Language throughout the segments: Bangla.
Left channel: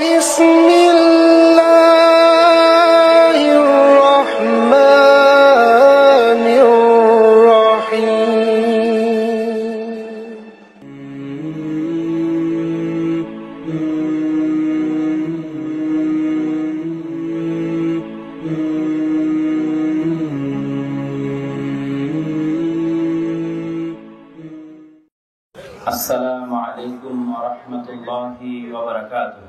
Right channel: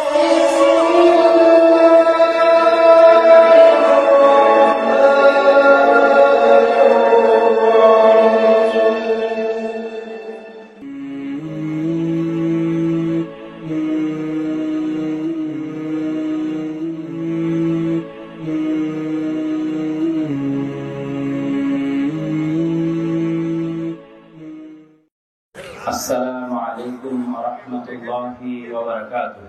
السلام عليكم ورحمة الله وبركاته.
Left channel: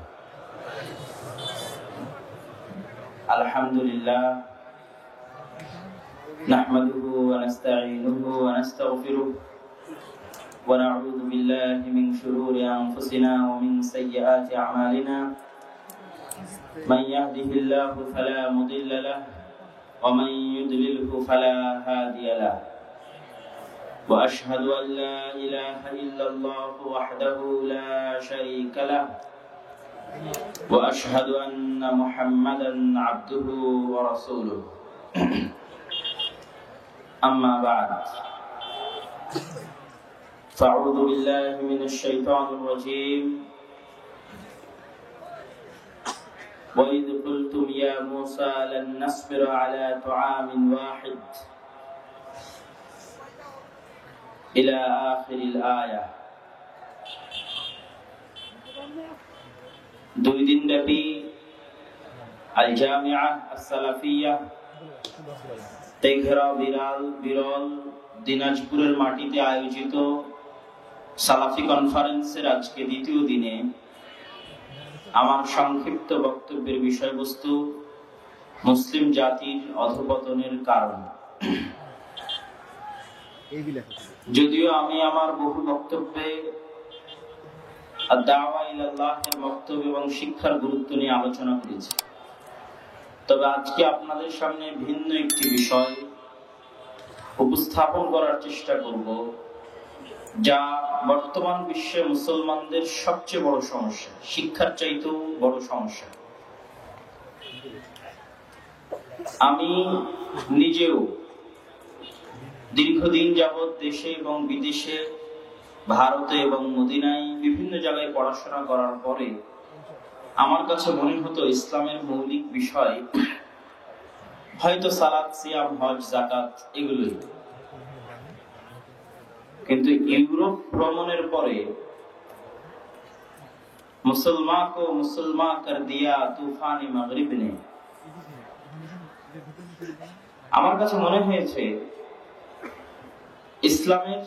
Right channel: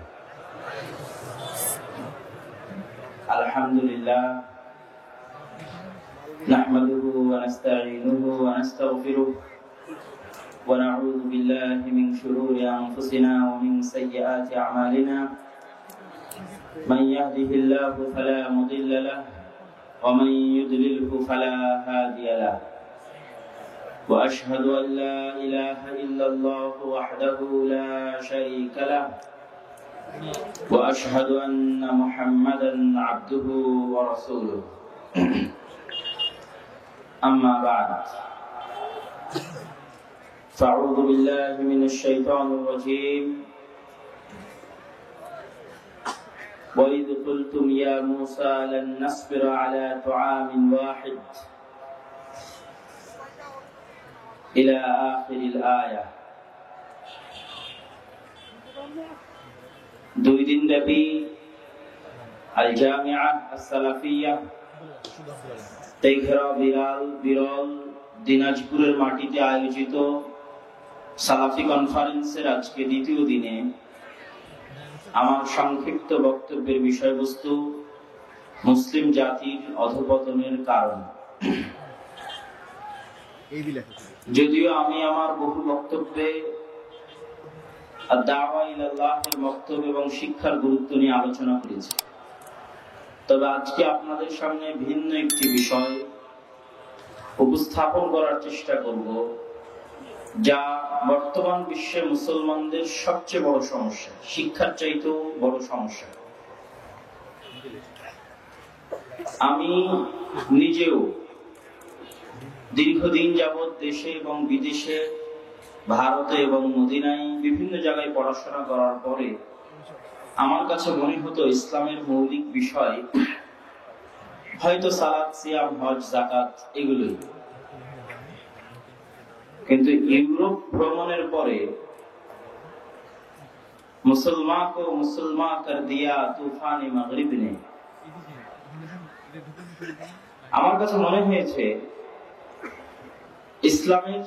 الحمد لله نحمده ونستعينه ونستغفره ونعوذ بالله من شرور أنفسنا ومن سيئات أعمالنا. من يهده الله فلا مضل له ومن يضلله فلا هادي له. وأشهد أن لا إله إلا الله وحده لا شريك له وأشهد أن محمدا عبده ورسوله. أما بعد فأعوذ بالله من الشيطان الرجيم. وإذ قلتم يا موسى لن نصبر على طعام واحد إلى آخر الآية. দুই দিন ব্যাপী আল জামিয়া আস-সালাফিয়া তেঘরা বিরল দিনাজপুরের মাটিতে আয়োজিত সালাফি কনফারেন্সের আজকে দ্বিতীয় দিনে আমার সংক্ষিপ্ত বক্তব্যের বিষয়বস্তু মুসলিম জাতির অধঃপতনের কারণ। যদিও আমি আমার বহু বক্তব্যে দাওয়া ইলাল্লাহের বক্তব্য এবং শিক্ষার গুরুত্ব নিয়ে আলোচনা করেছি, তবে আজকে আপনাদের সামনে ভিন্ন একটি বিষয় উপস্থাপন করার চেষ্টা করব, যা বর্তমান বিশ্বে মুসলমানদের সবচেয়ে বড় সমস্যা, শিক্ষার চাইতেও বড় সমস্যা। আমি নিজেও দীর্ঘদিন যাবৎ দেশে এবং বিদেশে, ভারতে এবং মদিনায় বিভিন্ন জায়গায় পড়াশোনা করার পরে আমার কাছে মনে হতো ইসলামের মৌলিক বিষয় হয়তো সালাত, সিয়াম, হজ, যাকাত এগুলোই। কিন্তু ইউরোপ ভ্রমণের পরে মুসলমান কো মুসলমান কর দিয়া তুফানে মাগরিব নে, আমার কাছে মনে হয়েছে ইসলামের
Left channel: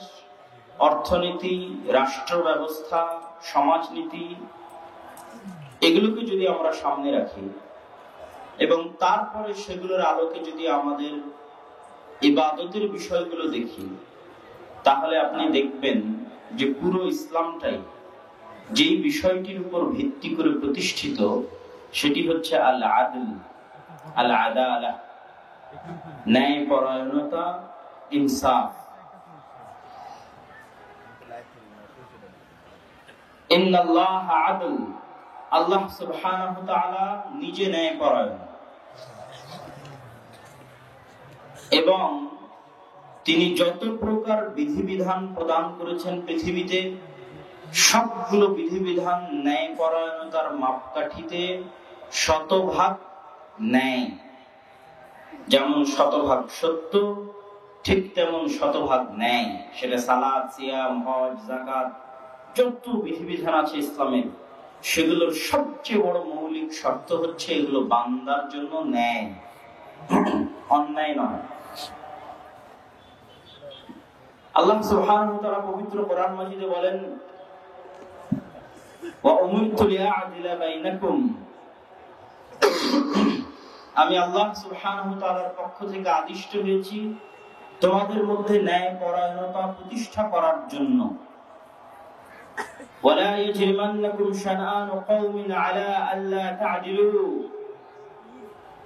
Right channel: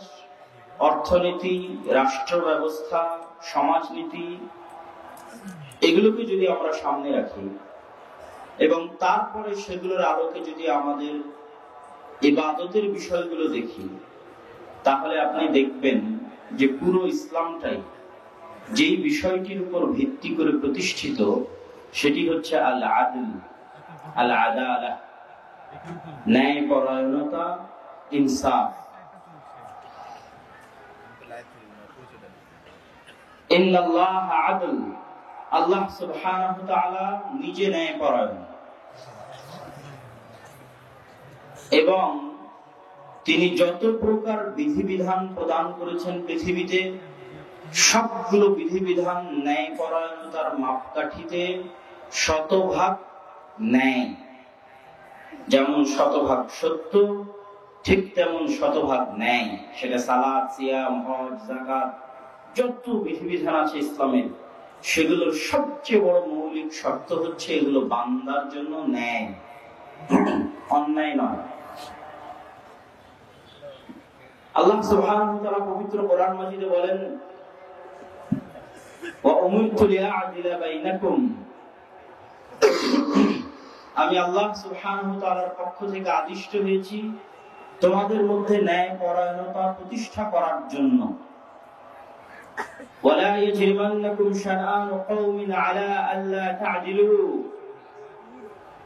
অর্থনীতি, রাষ্ট্র ব্যবস্থা, সমাজনীতি এগুলোকে যদি আমরা সামনে রাখি এবং তারপরে সেগুলোর আলোকে যদি আমাদের ইবাদতের বিষয়গুলো দেখি, তাহলে আপনি দেখবেন যে পুরো ইসলামটাই যেই বিষয়টির উপর ভিত্তি করে প্রতিষ্ঠিত সেটি হচ্ছে আল আদল, আল আদালাহ, ন্যায় পরায়ণতা, ইনসাফ। ইন্নাল্লাহা আদল, আল্লাহ সুবহানাহু ওয়া তাআলা নিজে ন্যায়পরায়ণ এবং তিনি যত প্রকার বিধিবিধান প্রদান করেছেন পৃথিবীতে সবগুলো বিধিবিধান ন্যায়পরায়ণতার মাপকাঠিতে শতভাগ ন্যায়। যেমন শতভাগ সত্য, ঠিক তেমন শতভাগ ন্যায়। সেটা সালাত, সিয়াম, হজ, যাকাত যত বিধিবিধান আছে ইসলামের, সেগুলোর সবচেয়ে বড় মৌলিক শর্ত হচ্ছে এগুলো বান্দার জন্য ন্যায়, অন্যায় নয়। আল্লাহ সুবহানাহু ওয়া তাআলা পবিত্র কোরআন মাজিদে বলেন, ওয়া উমিরতু লিআ'দিলা বাইনাকুম, আমি আল্লাহ সুবহানাহু ওয়া তাআলার পক্ষ থেকে আদিষ্ট হয়েছি তোমাদের মধ্যে ন্যায় পরায়ণতা প্রতিষ্ঠা করার জন্য। ولا يجرمنكم شنآن قوم على ألا تعدلوا,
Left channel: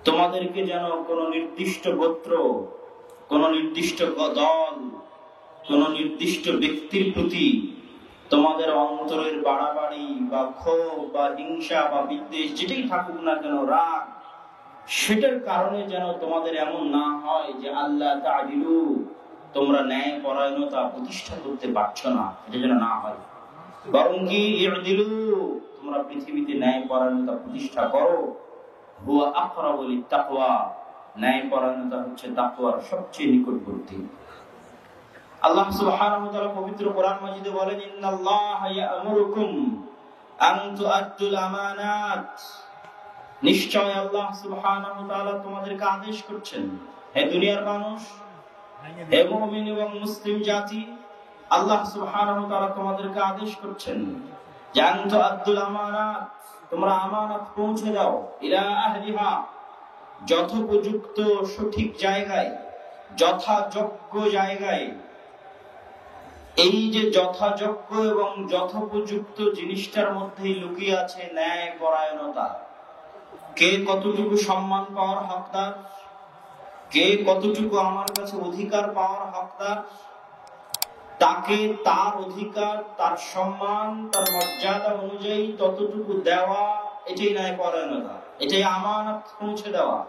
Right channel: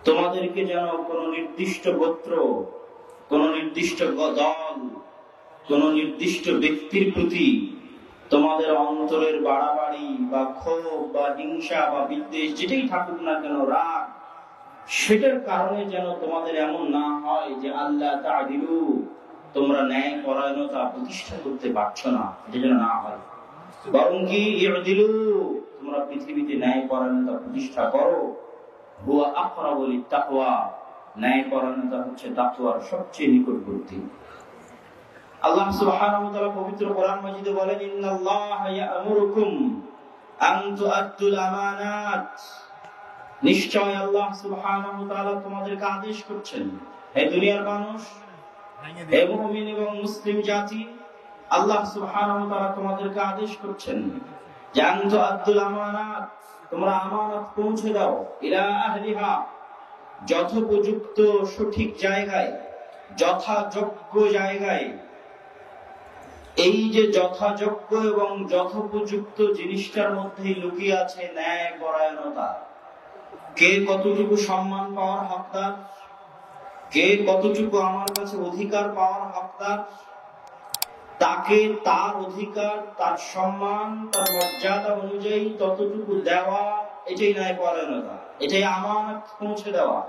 তোমাদেরকে যেন কোন নির্দিষ্ট গোত্র, কোন নির্দিষ্ট দল, কোন নির্দিষ্ট ব্যক্তির প্রতি তোমাদের অন্তরের বাড়াবাড়ি বা ক্ষোভ বা হিংসা বা বিদ্বেষ যেটাই থাকুক না কেন, রাগ, সেটার কারণে যেন তোমাদের এমন না হয় যে আল্লাহ তা'দিলু, তোমরা ন্যায় পরায়ণতা প্রতিষ্ঠা করতে পারছো না, এটা যেন না হয়। বরং কি ইউদিলু, তোমরা পৃথিবীতে ন্যায়পরায়ণতা প্রতিষ্ঠা করো। হুয়া আকরাবু লিত-তাকওয়া, ন্যায়পরায়ণতা হচ্ছে তাকওয়ার সবচেয়ে নিকটবর্তী। আল্লাহ সুবহানাহু ওয়া তাআলা পবিত্র কোরআন মাজিদে বলেন, ইন্নাল্লাহা ইয়া'মুরুকুম আন তু'আদ্দুল আমানাত, নিশ্চয় আল্লাহ সুবহানাহু ওয়া তাআলা তোমাদেরকে আদেশ করছেন, হে দুনিয়ার মানুষ, হে মুমিন এবং মুসলিম জাতি, আল্লাহ সুবহানাহু ওয়া তাআলা তোমাদেরকে আদেশ করছেন যে আন তু'আদ্দুল আমানাত, তোমরা আমানত পৌঁছে দাও, ইলা আহলিহা, যথোপযুক্ত সঠিক জায়গায়, যথাযোগ্য জায়গায়। এই যে যথাযোগ্য এবং যথোপযুক্ত জিনিসটার মধ্যে লুকিয়ে আছে ন্যায় পরায়ণতা। কে কতটুকু সম্মান পাওয়ার হকদার, কে কতটুকু আমার কাছে অধিকার পাওয়ার হকদার, তাকে তার অধিকার, তার সম্মান, তার মর্যাদা অনুযায়ী ততটুকু দেওয়া, এটাই ন্যায় পরায়ণতা, এটাই আমানত পৌঁছে দেওয়া।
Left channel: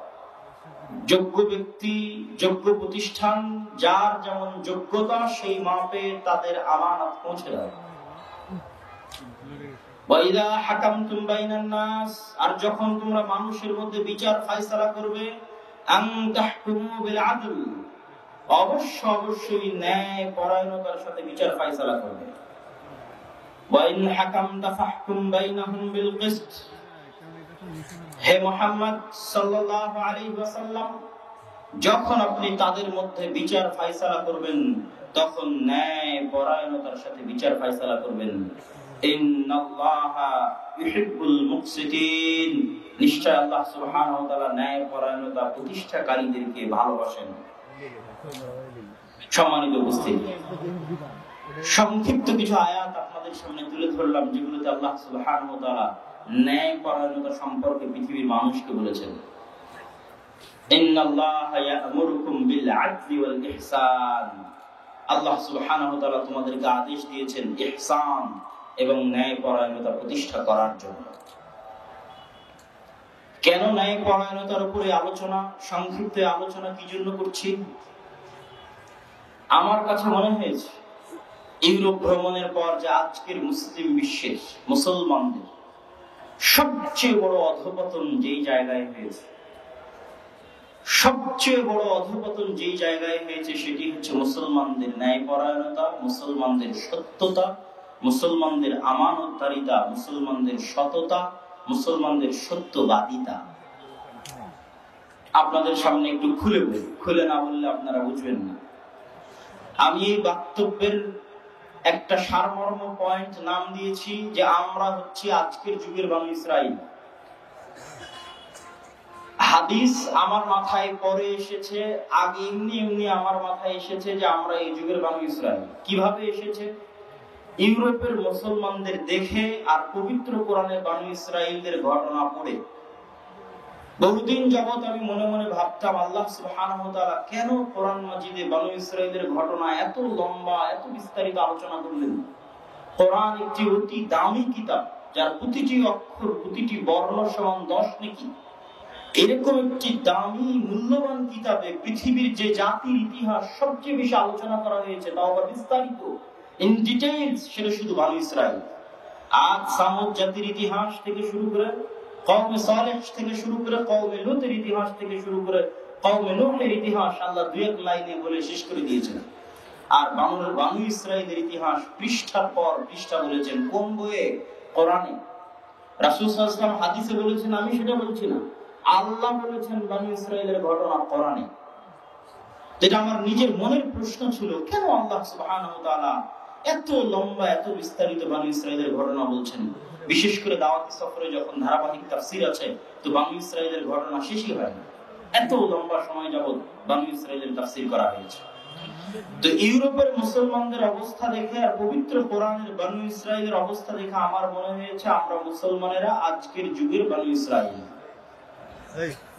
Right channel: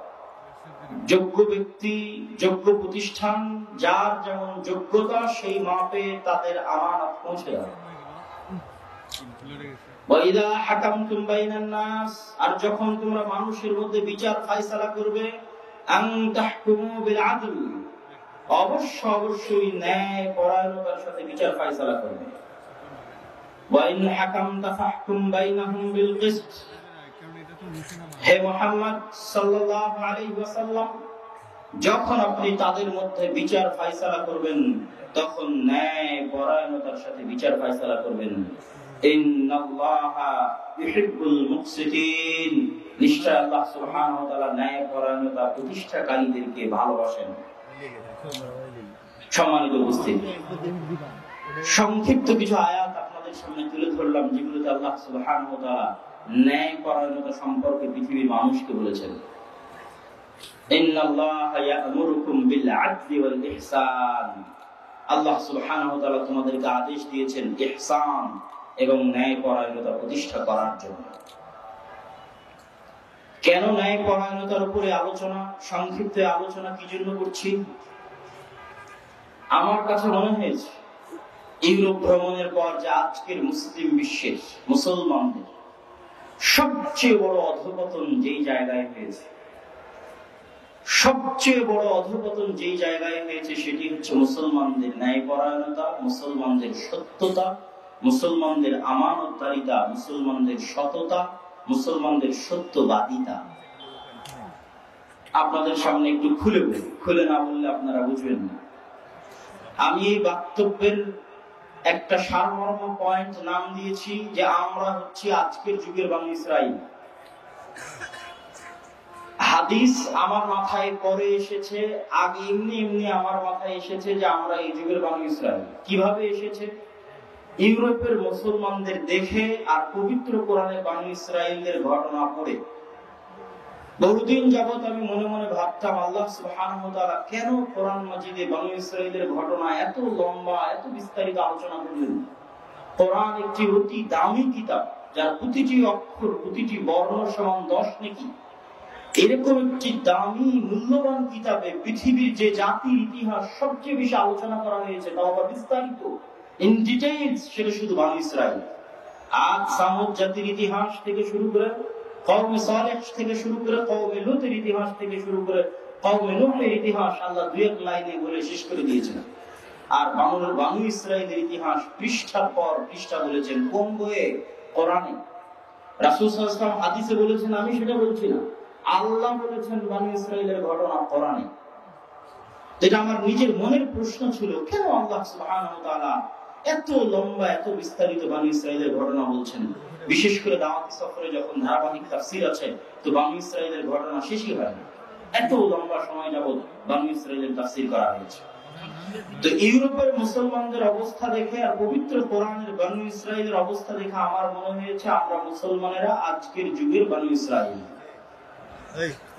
যোগ্য ব্যক্তি, যোগ্য প্রতিষ্ঠান, যার যেমন যোগ্যতা সেই মাপে তাদের আমানত পৌঁছে দেওয়া। ওয়াইদা হাকামতুম বাইনান নাস, আর যখন তোমরা মানুষের মধ্যে বিচার ফায়সালা করবে, আন তাহকুমু বিল আদল, অবশ্যই ন্যায় পরায়ণতার সাথে বিচার ফায়সালা করবে। ওয়া ইন হাকামতা ফাহকুম বাইনাহুম বিল কিসত, হে মুহাম্মদ সাল্লাল্লাহু আলাইহি ওয়াসাল্লাম, যখন আপনি তাদের মধ্যে বিচার ফায়সালা করবেন তখন ন্যায় পরায়ণতার সাথে বিচার ফায়সালা করবেন। ইন্নাল্লাহা ইউহিব্বুল মুকসিতিন, নিশ্চয় আল্লাহ সুবহানাহু ওয়া তাআলা ন্যায় পরায়ণতা প্রতিষ্ঠাকারীদেরকে ভালোবাসেন। সম্মানিত উপস্থিতি, সংক্ষিপ্ত কিছু আয়াত আপনাদের সামনে তুলে ধরলাম, যেগুলোতে আল্লাহ সুবহানাহু ওয়া তাআলা ন্যায় পরায়ণতা সম্পর্কে পৃথিবীর মানুষকে বলেছেন। ইন্নাল্লাহা ইয়া'মুরুকুম বিল আদলি ওয়াল ইহসান, আল্লাহ সুবহানাহু ওয়া তাআলা তোমাদেরকে আদেশ দিয়েছেন ইহসান এবং ন্যায় পরায়ণতা প্রতিষ্ঠা করার জন্য। কেন ন্যায় পরায়ণতার উপরে আলোচনা, সংক্ষিপ্ত আলোচনা কি জন্য করছি? আমার কাছে মনে হয়েছে ইউরোপ ভ্রমণের পর যে আজকের মুসলিম বিশ্বের মুসলমানদের সবচেয়ে বড় অধঃপতন যেই জায়গায় হয়েছে, সবচেয়ে বড় অধঃপতন যেই জায়গায় হয়েছে সেটি হচ্ছে মুসলমানদের ন্যায়পরায়ণতা, মুসলমানদের সত্যতা, মুসলমানদের আমানতদারিতা, মুসলমানদের সততা, মুসলমানদের সত্যবাদিতা। আপনাদের সামনে একটু খুলে না বললে আপনারা বুঝবেন না। আমি এই বক্তব্যের একটা সারমর্ম পয়েন্ট নাম দিয়েছি যে আমরা হচ্ছি আজকের যুগের বানু ইসরাইল। হাদিস আমার মাথায় পরে এসেছে, আগে এমনি আমার মাথায় এসেছে যে আমরা এই যুগের বানু ইসরাইল। কিভাবে এসেছে? ইউরোপের মুসলমানদের দেখে আর পবিত্র কোরআনের বানু ইসরাইলদের ঘটনা পড়ে। বহুদিন যাবত আমি মনে মনে ভাবতাম, আল্লাহ সুবহানাহু ওয়া তাআলা কেন কোরআন মাজিদে বানু ইসরাইলের ঘটনা এত লম্বা, এত বিস্তারিত আলোচনা করলেন? কোরআন একটি অতি দামি কিতাব, যার প্রতিটি অক্ষর, প্রতিটি বর্ণ সমান 10 নেকি। এরকম একটি দামি মূল্যবান কিতাবে পৃথিবীর যে জাতির ইতিহাস সবচেয়ে বেশি আলোচনা করা হয়েছে, তাও আবার বিস্তারিত, ইন ডিটেইলস, সেটা শুধু বানু ইসরাইল। আদ সামুদ জাতির ইতিহাস থেকে শুরু করে, কওমে সালেহ থেকে শুরু করে, কওমে লূতের ইতিহাস থেকে শুরু করে, কওমে নূহের ইতিহাস আল্লাহ দুই এক লাইনে বলে শেষ করে দিয়েছেন। আর বানু ইসরাইলের ইতিহাস পৃষ্ঠার পর পৃষ্ঠা বলেছেন। কোন বইয়ে? কোরআনে। রাসূল সাল্লাল্লাহু আলাইহি ওয়াসাল্লাম হাদিসে বলেছেন, আমি সেটা বলছি না, আল্লাহ বলেছেন বানু ইসরাইলের ঘটনা কোরআনে। এটা আমার নিজের মনের প্রশ্ন ছিল, কেন আল্লাহ সুবহানাহু ওয়া তাআলা এত লম্বা, এত বিস্তারিত বানু ইসরাইলের ঘটনা বলছেন? বিশেষ করে দাওয়াতি সফরে যখন ধারাবাহিক তাফসীর আছে, তো বানু ইসরাইলের ঘটনা শেষই হয় না, এত লম্বা সময় যাবত বানু ইসরাইলের তাফসীর করা হয়েছে। তো ইউরোপের মুসলমানদের অবস্থা দেখে আর পবিত্র কোরআনের বানু ইসরাইলের অবস্থা দেখে আমার মনে হয়েছে আমরা মুসলমানেরা আজকের যুগের বানু ইসরাইল।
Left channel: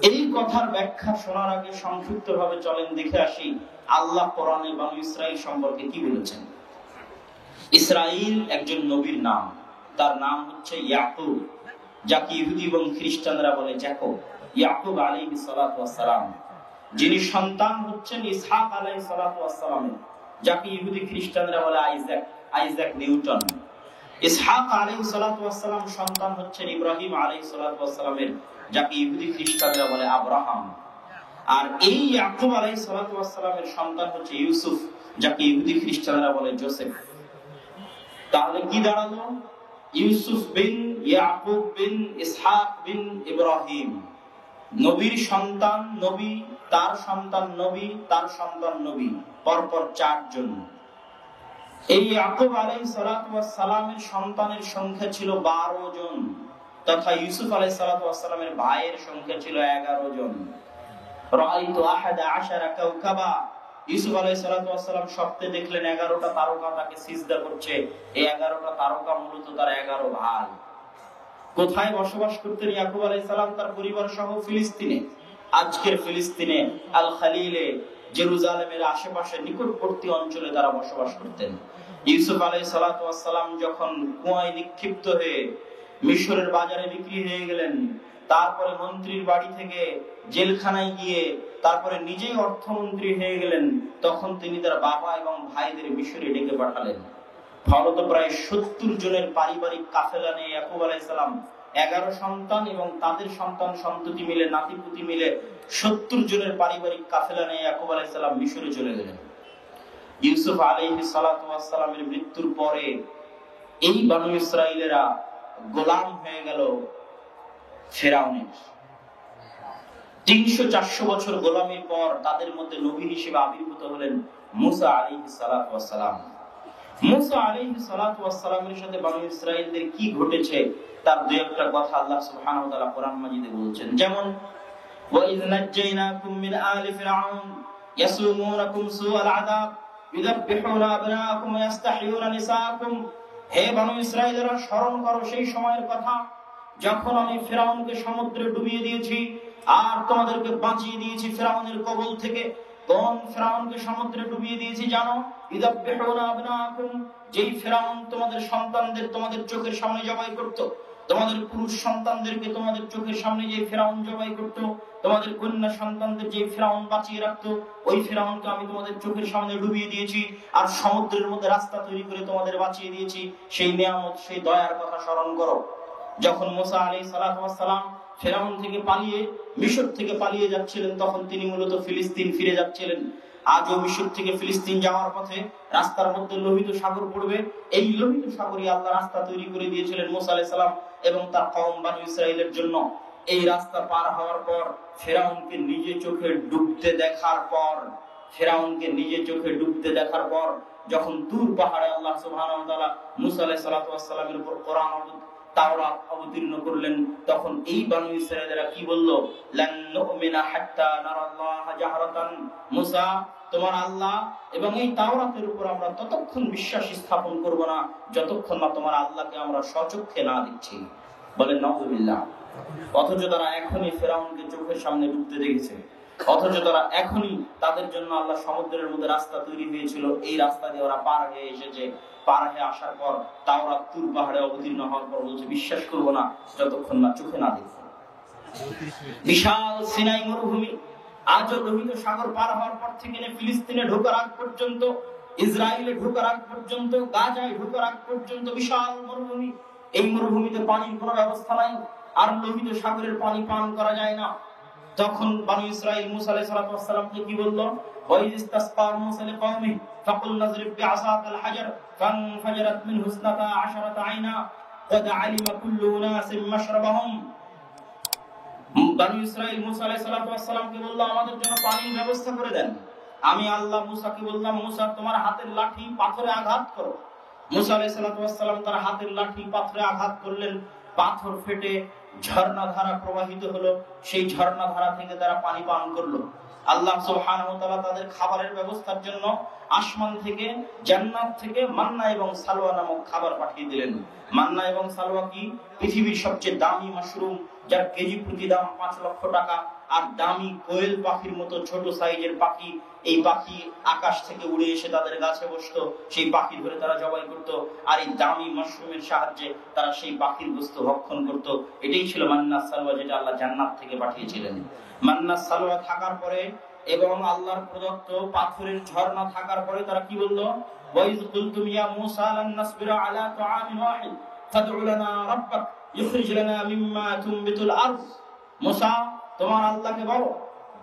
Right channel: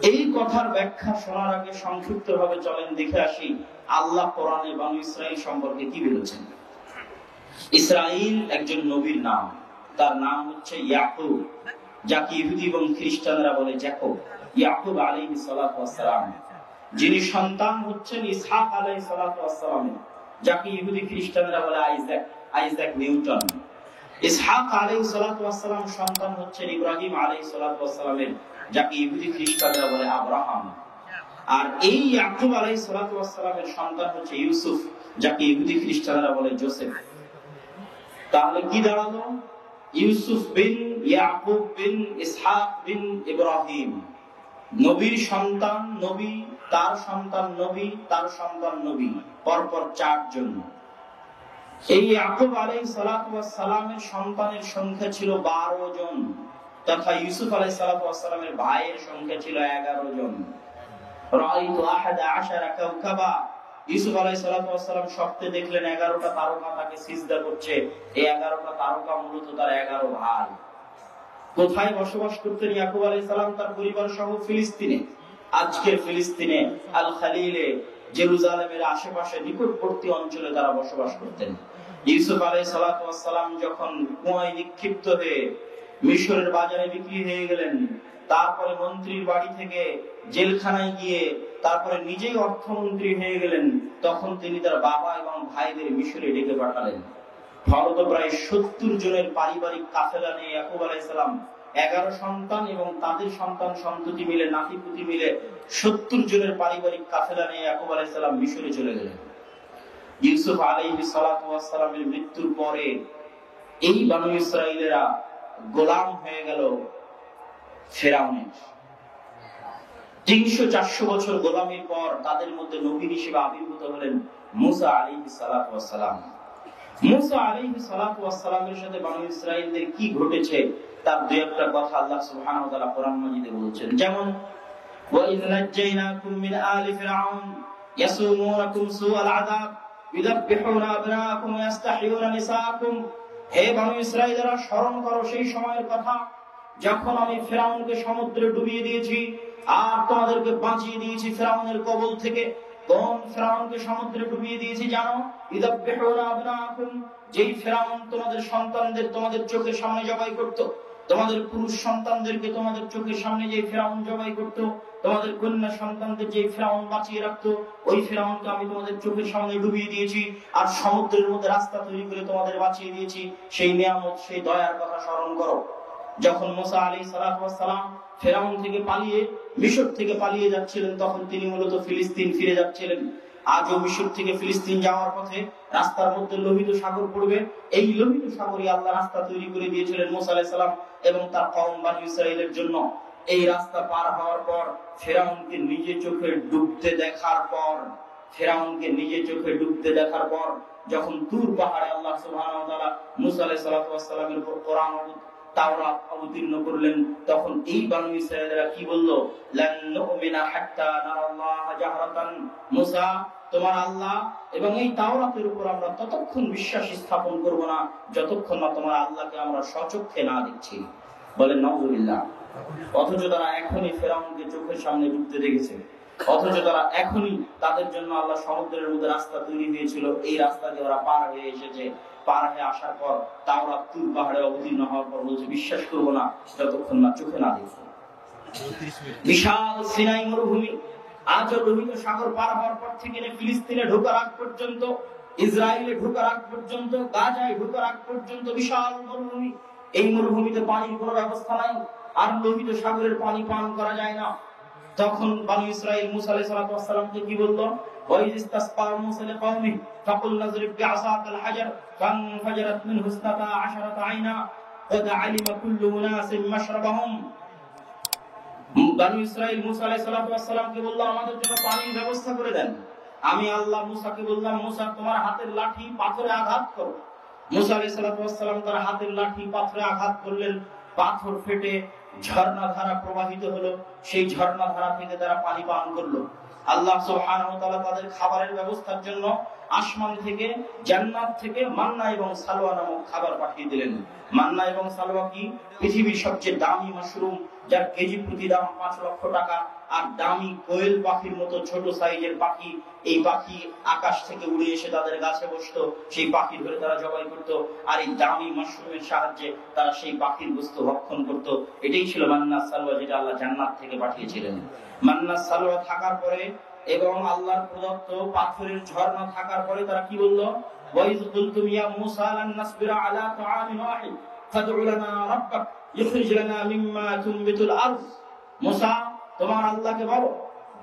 এই কথার ব্যাখ্যা শোনার আগে সংক্ষিপ্ত ভাবে চলেন দেখে আসি আল্লাহ কোরআনে বানু ইসরাইল সম্পর্কে কি বলেছেন। ইসরাইল একজন নবীর নাম, তার নাম হচ্ছে ইয়াকুব, যাকে ইহুদি এবং খ্রিস্টানরা বলে জ্যাকব। ইয়াকুব আলাইহিস সালাতু ওয়াস সালাম, যিনি সন্তান হচ্ছেন ইসহাক আলাইহিস সালাতু ওয়াস সালাম, যাকে ইহুদি খ্রিস্টানরা বলে আইজাক নিউটন। ইসহাক আলাইহিস সালাতু ওয়াস সালাম সন্তান হচ্ছেন ইব্রাহিম আলাইহিস সালাতু ওয়াস সালামের, যাকে ইহুদি খ্রিস্টানরা বলে আব্রাহাম। আর এই ইয়াকুব আলাইহিস সালাতু ওয়াস সালামের সন্তান হচ্ছে ইউসুফ, যাকে ইহুদি খ্রিস্টানরা বলে জোসেফ। তাহলে কি দাঁড়ালো? ইউসুফ বিন ইয়াকুব বিন ইসহাক বিন ইব্রাহিম, নবীর সন্তান নবী, তার সন্তান নবী, তার সন্তান নবী, পরপর 4 জন। এই ইয়াকুব আলাইহিস সালাতু ওয়াস সালামের সন্তানের সংখ্যা ছিল 12 জন, তথা ইউসুফ আলাইহিস সালাতু ওয়াস সালামের ভাইয়ের সংখ্যা ছিল 11 জন। রাআইতু 11 কাওকাবা, ইউসুফ আলাইহিস সালাতু ওয়াস সালাম স্বপ্নে দেখলেন 11টা তারকা তাকে সিজদা করছে। এই 11টা তারকা মূলত তার 11 ভাই। কোথায় বসবাস করতেন ইয়াকুব আলাইহিস সালাম তার পরিবার সহ? ফিলিস্তিনে। আজকের ফিলিস্তিনে আল খালিলে, জেরুজালেমের আশেপাশে নিকটবর্তী অঞ্চলে তারা বসবাস করতেন। ইউসুফ আলাইহিস সালাতু ওয়াস সালাম যখন কুয়ায় নিক্ষিপ্ত হয়ে মিশরের বাজারে বিক্রি হয়ে গেলেন, তারপরে মন্ত্রীর বাড়ি থেকে জেলখানায় গিয়ে তারপরে নিজেই অর্থমন্ত্রী হয়ে গেলেন, তখন তিনি তার বাবা এবং ভাইদের মিশরে ডেকে পাঠালেন। ফলত প্রায় 70 জনের পারিবারিক কাফেলা নিয়ে ইয়াকুব আলাইহিস সালাম 11 সন্তান এবং তাদের সন্তান সন্ততি মিলে, নাতিপুতি মিলে 70 জনের পারিবারিক কাফেলা নিয়ে ইয়াকুব আলাইহিস সালাম মিশরে চলে গেলেন। ইউসুফ আলাইহিস সালাতু ওয়াস সালামের মৃত্যুর পরে এই বনু ইসরাইলেরা গোলাম হয়ে গেল ফেরাউনের। 300-400 বছর গোলামির পর তাদের মধ্যে নবী হিসেবে আবির্ভূত হলেন মুসা আলাইহিস সালাতু ওয়াস সালাম। মুসা আলাইহিস সালাতু ওয়াস সালামের সাথে বনু ইসরাইলদের কি ঘটেছে তার দুই একটা কথা আল্লাহ সুবহানাহু ওয়া তাআলা কোরআন মাজিদে বলছেন। যেমন ওয়াইয নাজ্জাইনাকুম মিন আলি ফিরআউন ইয়াসুমুনাকুম সুআল আযাব ইউযাববিহুনা আবনাআকুম ওয়া ইস্তাহইয়ুনা নিসাআকুম। হে বনু ইসরাইলরা, স্মরণ করো সেই সময়ের কথা যখন আমি ফিরআউনকে সমুদ্রে ডুবিয়ে দিয়েছি আর তোমাদেরকে বাঁচিয়ে দিয়েছি ফিরআউনের কবল থেকে। কোন ফিরআউনকে সমুদ্রে ডুবিয়ে দিয়েছি জানো? ইযাববিহুনা আবনাআকুম, যেই ফিরআউন তোমাদের সন্তানদের তোমাদের চোখের সামনে জবাই করত, তোমাদের পুরুষ সন্তানদেরকে তোমাদের চোখের সামনে যে ফিরআউন জবাই করত, তোমাদের কন্যা সন্তানদের যে ফিরআউন বাঁচিয়ে রাখতো, ওই ফিরআউনকে আমি তোমাদের চোখের সামনে ডুবিয়ে দিয়েছি আর সমুদ্রের মধ্যে রাস্তা তৈরি করে তোমাদের বাঁচিয়ে দিয়েছি। সেই নিয়ামত, সেই দয়ার কথা স্মরণ করো। যখন মুসা আলাইহিস সালাতু ওয়াস সালাম ফিরআউন থেকে পালিয়ে, মিশর থেকে পালিয়ে যাচ্ছিলেন, তখন তিনি মূলত ফিলিস্তিন ফিরে যাচ্ছিলেন। আজও মিশর থেকে ফিলিস্তিন যাওয়ার পথে রাস্তার মধ্যে লোহিত সাগর পড়বে। এই লোহিত সাগরে আল্লাহ রাস্তা তৈরি করে দিয়েছিলেন মুসা আলাইহিস সালাম এবং তার কওম বনু ইসরাইলের জন্য। এই রাস্তা পার হওয়ার পর ফিরআউনকে নিজে চোখে ডুবতে দেখার পর, ফিরআউনকে নিজে চোখে ডুবতে দেখার পর যখন তুর পাহাড়ে আল্লাহ সুবহানাহু ওয়া তাআলা মুসা আলাইহিস সালাতু ওয়াস সালামের উপর কোরআন তাওরাত অবতীর্ণ করলেন, তখন এই বনু ইসরাইলরা কি বলল? লান নুমিনা হাত্তা নারাল্লাহ জাহরাতান। মুসা, তোমার আল্লাহ এবং এই তাওরাতের উপর আমরা ততক্ষণ বিশ্বাস স্থাপন করব না যতক্ষণ না তোমার আল্লাহকে আমরা সচক্ষে না দেখছি। বলেন নাউযুবিল্লাহ। অথচ তারা এখনই ফিরআউনকে চোখের সামনে ডুবতে দেখেছে, অথচ তারা এখনই তাদের জন্য আল্লাহ সমুদ্রের মধ্যে রাস্তা তৈরি দিয়েছিল। এই রাস্তা দিয়ে ওরা পার হয়ে এসেছে। পার হয়ে আসার পর তাওরাত তুর পাহাড়ে অবতীর্ণ হওয়ার পর বলছে বিশ্বাস করব না যতক্ষণ না চোখে না দেখব। বিশাল সিনাই মরুভূমি, আজও লোহিত সাগর পার হওয়ার পর থেকে ফিলিস্তিনে ঢোকার আগ পর্যন্ত, ইসরায়েলে ঢোকার আগ পর্যন্ত, গাজায় ঢোকার আগ পর্যন্ত বিশাল মরুভূমি। এই মরুভূমিতে পানির কোনো ব্যবস্থা নাই, আর লোহিত সাগরের পানি পান করা যায় না। তখন বনু ইসরাইল মুসা আলাইহিস সালাতু ওয়াস সালামকে কি বলল? ওয়াইয ইসতাসকা মুসা লিকওমি ফাকুল নাযরিব বিআসাকাল হাজার ফানফাজারাত মিনহু 12 আইনা ক্বাদ আলিমা কুল্লু উনাসিম মাশরাবাহুম। বনু ইসরাইল মুসা আলাইহিস সালাতু ওয়াস সালামকে বলল, আমাদের জন্য পানির ব্যবস্থা করে দেন। আমি আল্লাহ মুসাকে বললাম, মুসা তোমার হাতের লাঠি পাথরে আঘাত করো। মুসা আলাইহিস সালাতু ওয়াস সালাম তার হাতের লাঠি পাথরে আঘাত করলেন, পাথর ফেটে ঝর্ণা ধারা প্রবাহিত হলো। সেই ঝর্ণা ধারা থেকে তারা পানি পান করলো। আল্লাহ সুবহানাহু ওয়া তাআলা তাদের খাবারের ব্যবস্থার জন্য আসমান থেকে, জান্নাত থেকে মান্না এবং সালওয়া নামক খাবার পাঠিয়ে দিলেন। মান্না এবং সালওয়া কি? পৃথিবীর সবচেয়ে দামি মাশরুম, যার কেজি প্রতি দাম 5 লক্ষ টাকা। আর দামি কোয়েল পাখির মতো ছোট সাইজের পাখি, এই পাখি আকাশ থেকে উড়ে এসে তাদের গাছে বসতো, সেই পাখি ধরে তারা জবাই করতো, আর এই দামি মাশরুমের সাহায্যে তারা সেই পাখির গোশত ভক্ষণ করত। এটাই ছিল মান্না সালওয়া, যেটা আল্লাহ জান্নাত থেকে পাঠিয়েছিলেন। মান্না সালওয়া থাকার পরে এবং আল্লাহর প্রদত্ত পাথরের ঝর্ণা থাকার পরে তারা কি বললো? ওয়াইজ কুলতুম ইয়া মূসা লান নাসবিরা আলা তাআমিন ওয়াহিদ ফাদউ লানা রাব্বাক ইখরিজ লানা মিম্মা তুনবিতুল আরদ। মূসা, তোমার আল্লাহকে বলো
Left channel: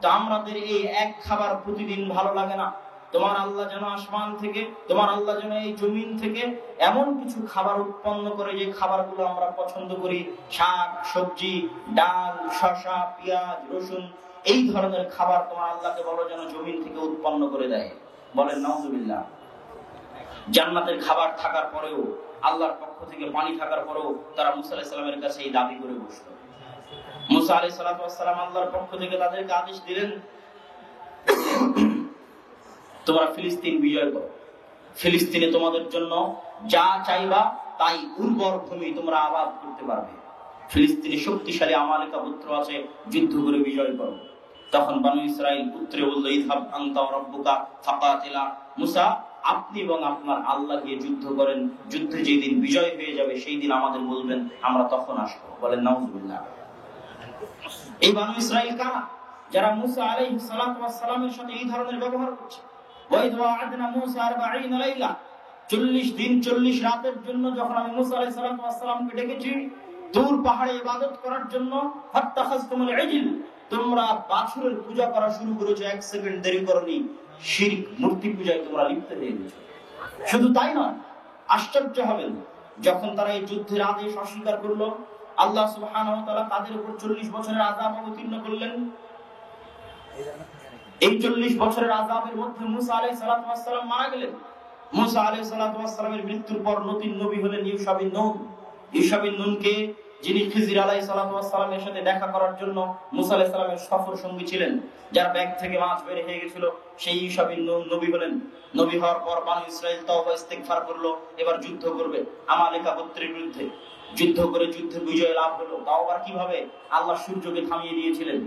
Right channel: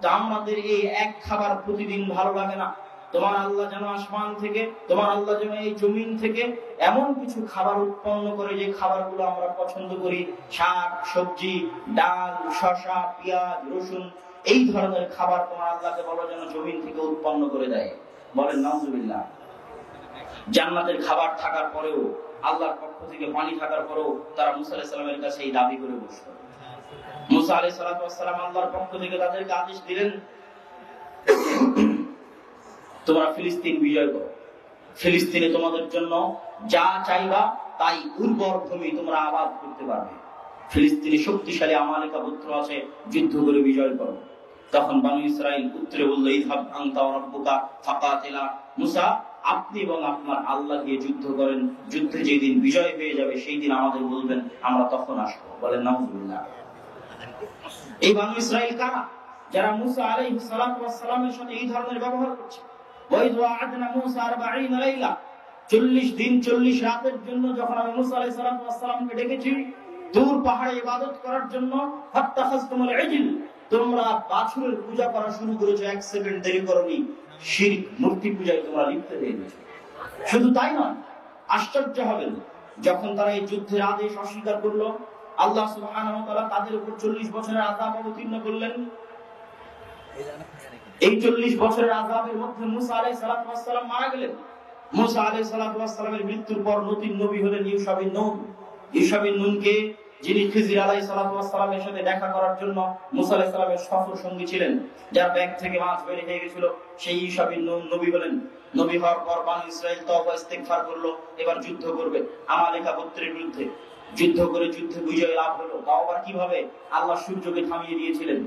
যে আমাদের এই এক খাবার প্রতিদিন ভালো লাগে না, তোমার আল্লাহ যেন আসমান থেকে, তোমার আল্লাহ যেন এই জমিন থেকে এমন কিছু খাবার উৎপন্ন করে যে খাবারগুলো আমরা পছন্দ করি, শাক সবজি, ডাল, শসা, পেঁয়াজ, রসুন, এই ধরনের খাবার তোমার আল্লাহকে বলো যেন জমিন থেকে উৎপন্ন করে দেয়। বলেন নাউজুবিল্লাহ। জান্নাতের খাবার থাকার পরেও, আল্লাহর পক্ষ থেকে পানি থাকার পরেও তারা মূসা আলাইহিস সালামের কাছে এই দাবি করে বসলো। মূসা আলাইহিস সালাম আল্লাহর পক্ষ থেকে তাদেরকে আদেশ দিলেন, তোমরা ফিলিস্তিন বিজয় করো, ফিলিস্তিনে তোমাদের জন্য যা চাইবা তাই উর্বর ভূমি তোমরা আবাদ করতে পারবে। ফিলিস্তিনে শক্তিশালী আমালেকা পুত্র আছে, যুদ্ধ করে বিজয় করো। তখন বনু ইসরাইল উত্তরে বলল, ইযহাব আনতা ওয়া রাব্বুকা ফাকাতিলা। মূসা, আপনি এবং আপনার আল্লাহ দিয়ে যুদ্ধ করেন, যুদ্ধে যেদিন বিজয় হয়ে যাবে সেই দিন আমাদের বলবেন, আমরা তখন আসবো। বলেন নাউজুবিল্লাহ। এই বনু ইসরাইল কারা? যারা মূসা আলাইহিস সালামের সাথে এই ধরনের ব্যবহার করছে। ওয়াইদ ওয়া'আদনা মূসা 40 লাইলা, 40 দিন 40 রাতের জন্য যখন আমি মূসা আলাইহিস সালামকে ডেকেছি দূর পাহাড়ে ইবাদত করার জন্য, ফাত্তাখাযতুমুল ইজল, তোমরা বাছুরের পূজা করা শুরু করেছো, এক সেকেন্ড দেরি করনি, শিরক মূর্তি পূজায় তোমরা লিপ্ত হয়ে গেছো। শুধু তাই নয়, আশ্চর্য হবেন, যখন তারা এই যুদ্ধের আদেশ অস্বীকার করলো, আল্লাহ সুবহানাহু ওয়া তাআলা তাদের উপর 40 বছরের আযাব অবতীর্ণ করলেন। এই 40 বছরের আযাবের মধ্যে মূসা আলাইহিস সালাম মারা গেলেন। মূসা আলাইহিস সালামের মৃত্যুর পর নতুন নবী হলেন ইউশা বিন নূন। ইউশা বিন নূনকে, যিনি খিজির আলাইহিস সালামের সাথে দেখা করার জন্য মূসা আলাইহিস সালামের সফর সঙ্গী ছিলেন, যার ব্যাগ থেকে মাছ বের হয়ে গেছিল, সেই ইউশা বিন নূন নবী হলেন। নবী হওয়ার পর বনু ইসরাইল তওবা ইস্তিগফার করলো, এবার যুদ্ধ করবে আমালেকা গোত্রের বিরুদ্ধে। যুদ্ধ করে যুদ্ধে বিজয় লাভ হলো। তাও আবার কিভাবে? আল্লাহ সূর্যকে থামিয়ে দিয়েছিলেন।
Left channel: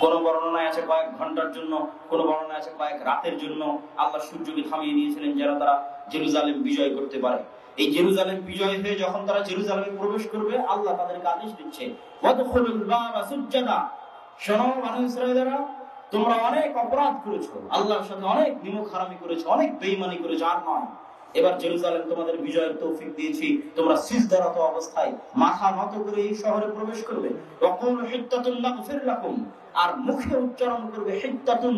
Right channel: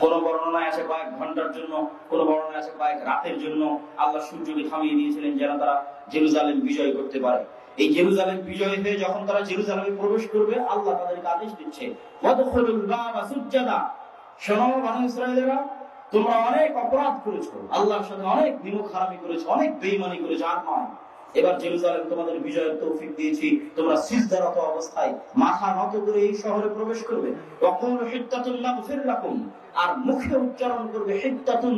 কোন বর্ণনায় আছে কয়েক ঘন্টার জন্য, কোন বর্ণনায় আছে কয়েক রাতের জন্য আল্লাহ সূর্যকে থামিয়ে দিয়েছিলেন, যেন তারা জেরুজালেম বিজয় করতে পারে। এই জেরুজালেম বিজয় হয়ে যখন তারা জেরুজালেমে প্রবেশ করবে, আল্লাহ তাদেরকে আদেশ দিচ্ছে, ওয়াদখুলুল বাবা সুজ্জাদা, শোনো বনু ইসরাঈলেরা, তোমরা অনেক অপরাধ করেছো, আল্লাহর সাথে অনেক বিমুখারামি করেছো, অনেক বেঈমানি করেছো, আর নয়, এবার জেরুজালেম তোমাদের বিজয়ের তৌফিক দিয়েছি, তোমরা সিজদারত অবস্থায় মাথা নত করে এই শহরে প্রবেশ করবে। ওয়াকুলু হিত্তাতুন নাগফির লাকুম, আর মুখে উচ্চারণ করবে হিত্তাতুন।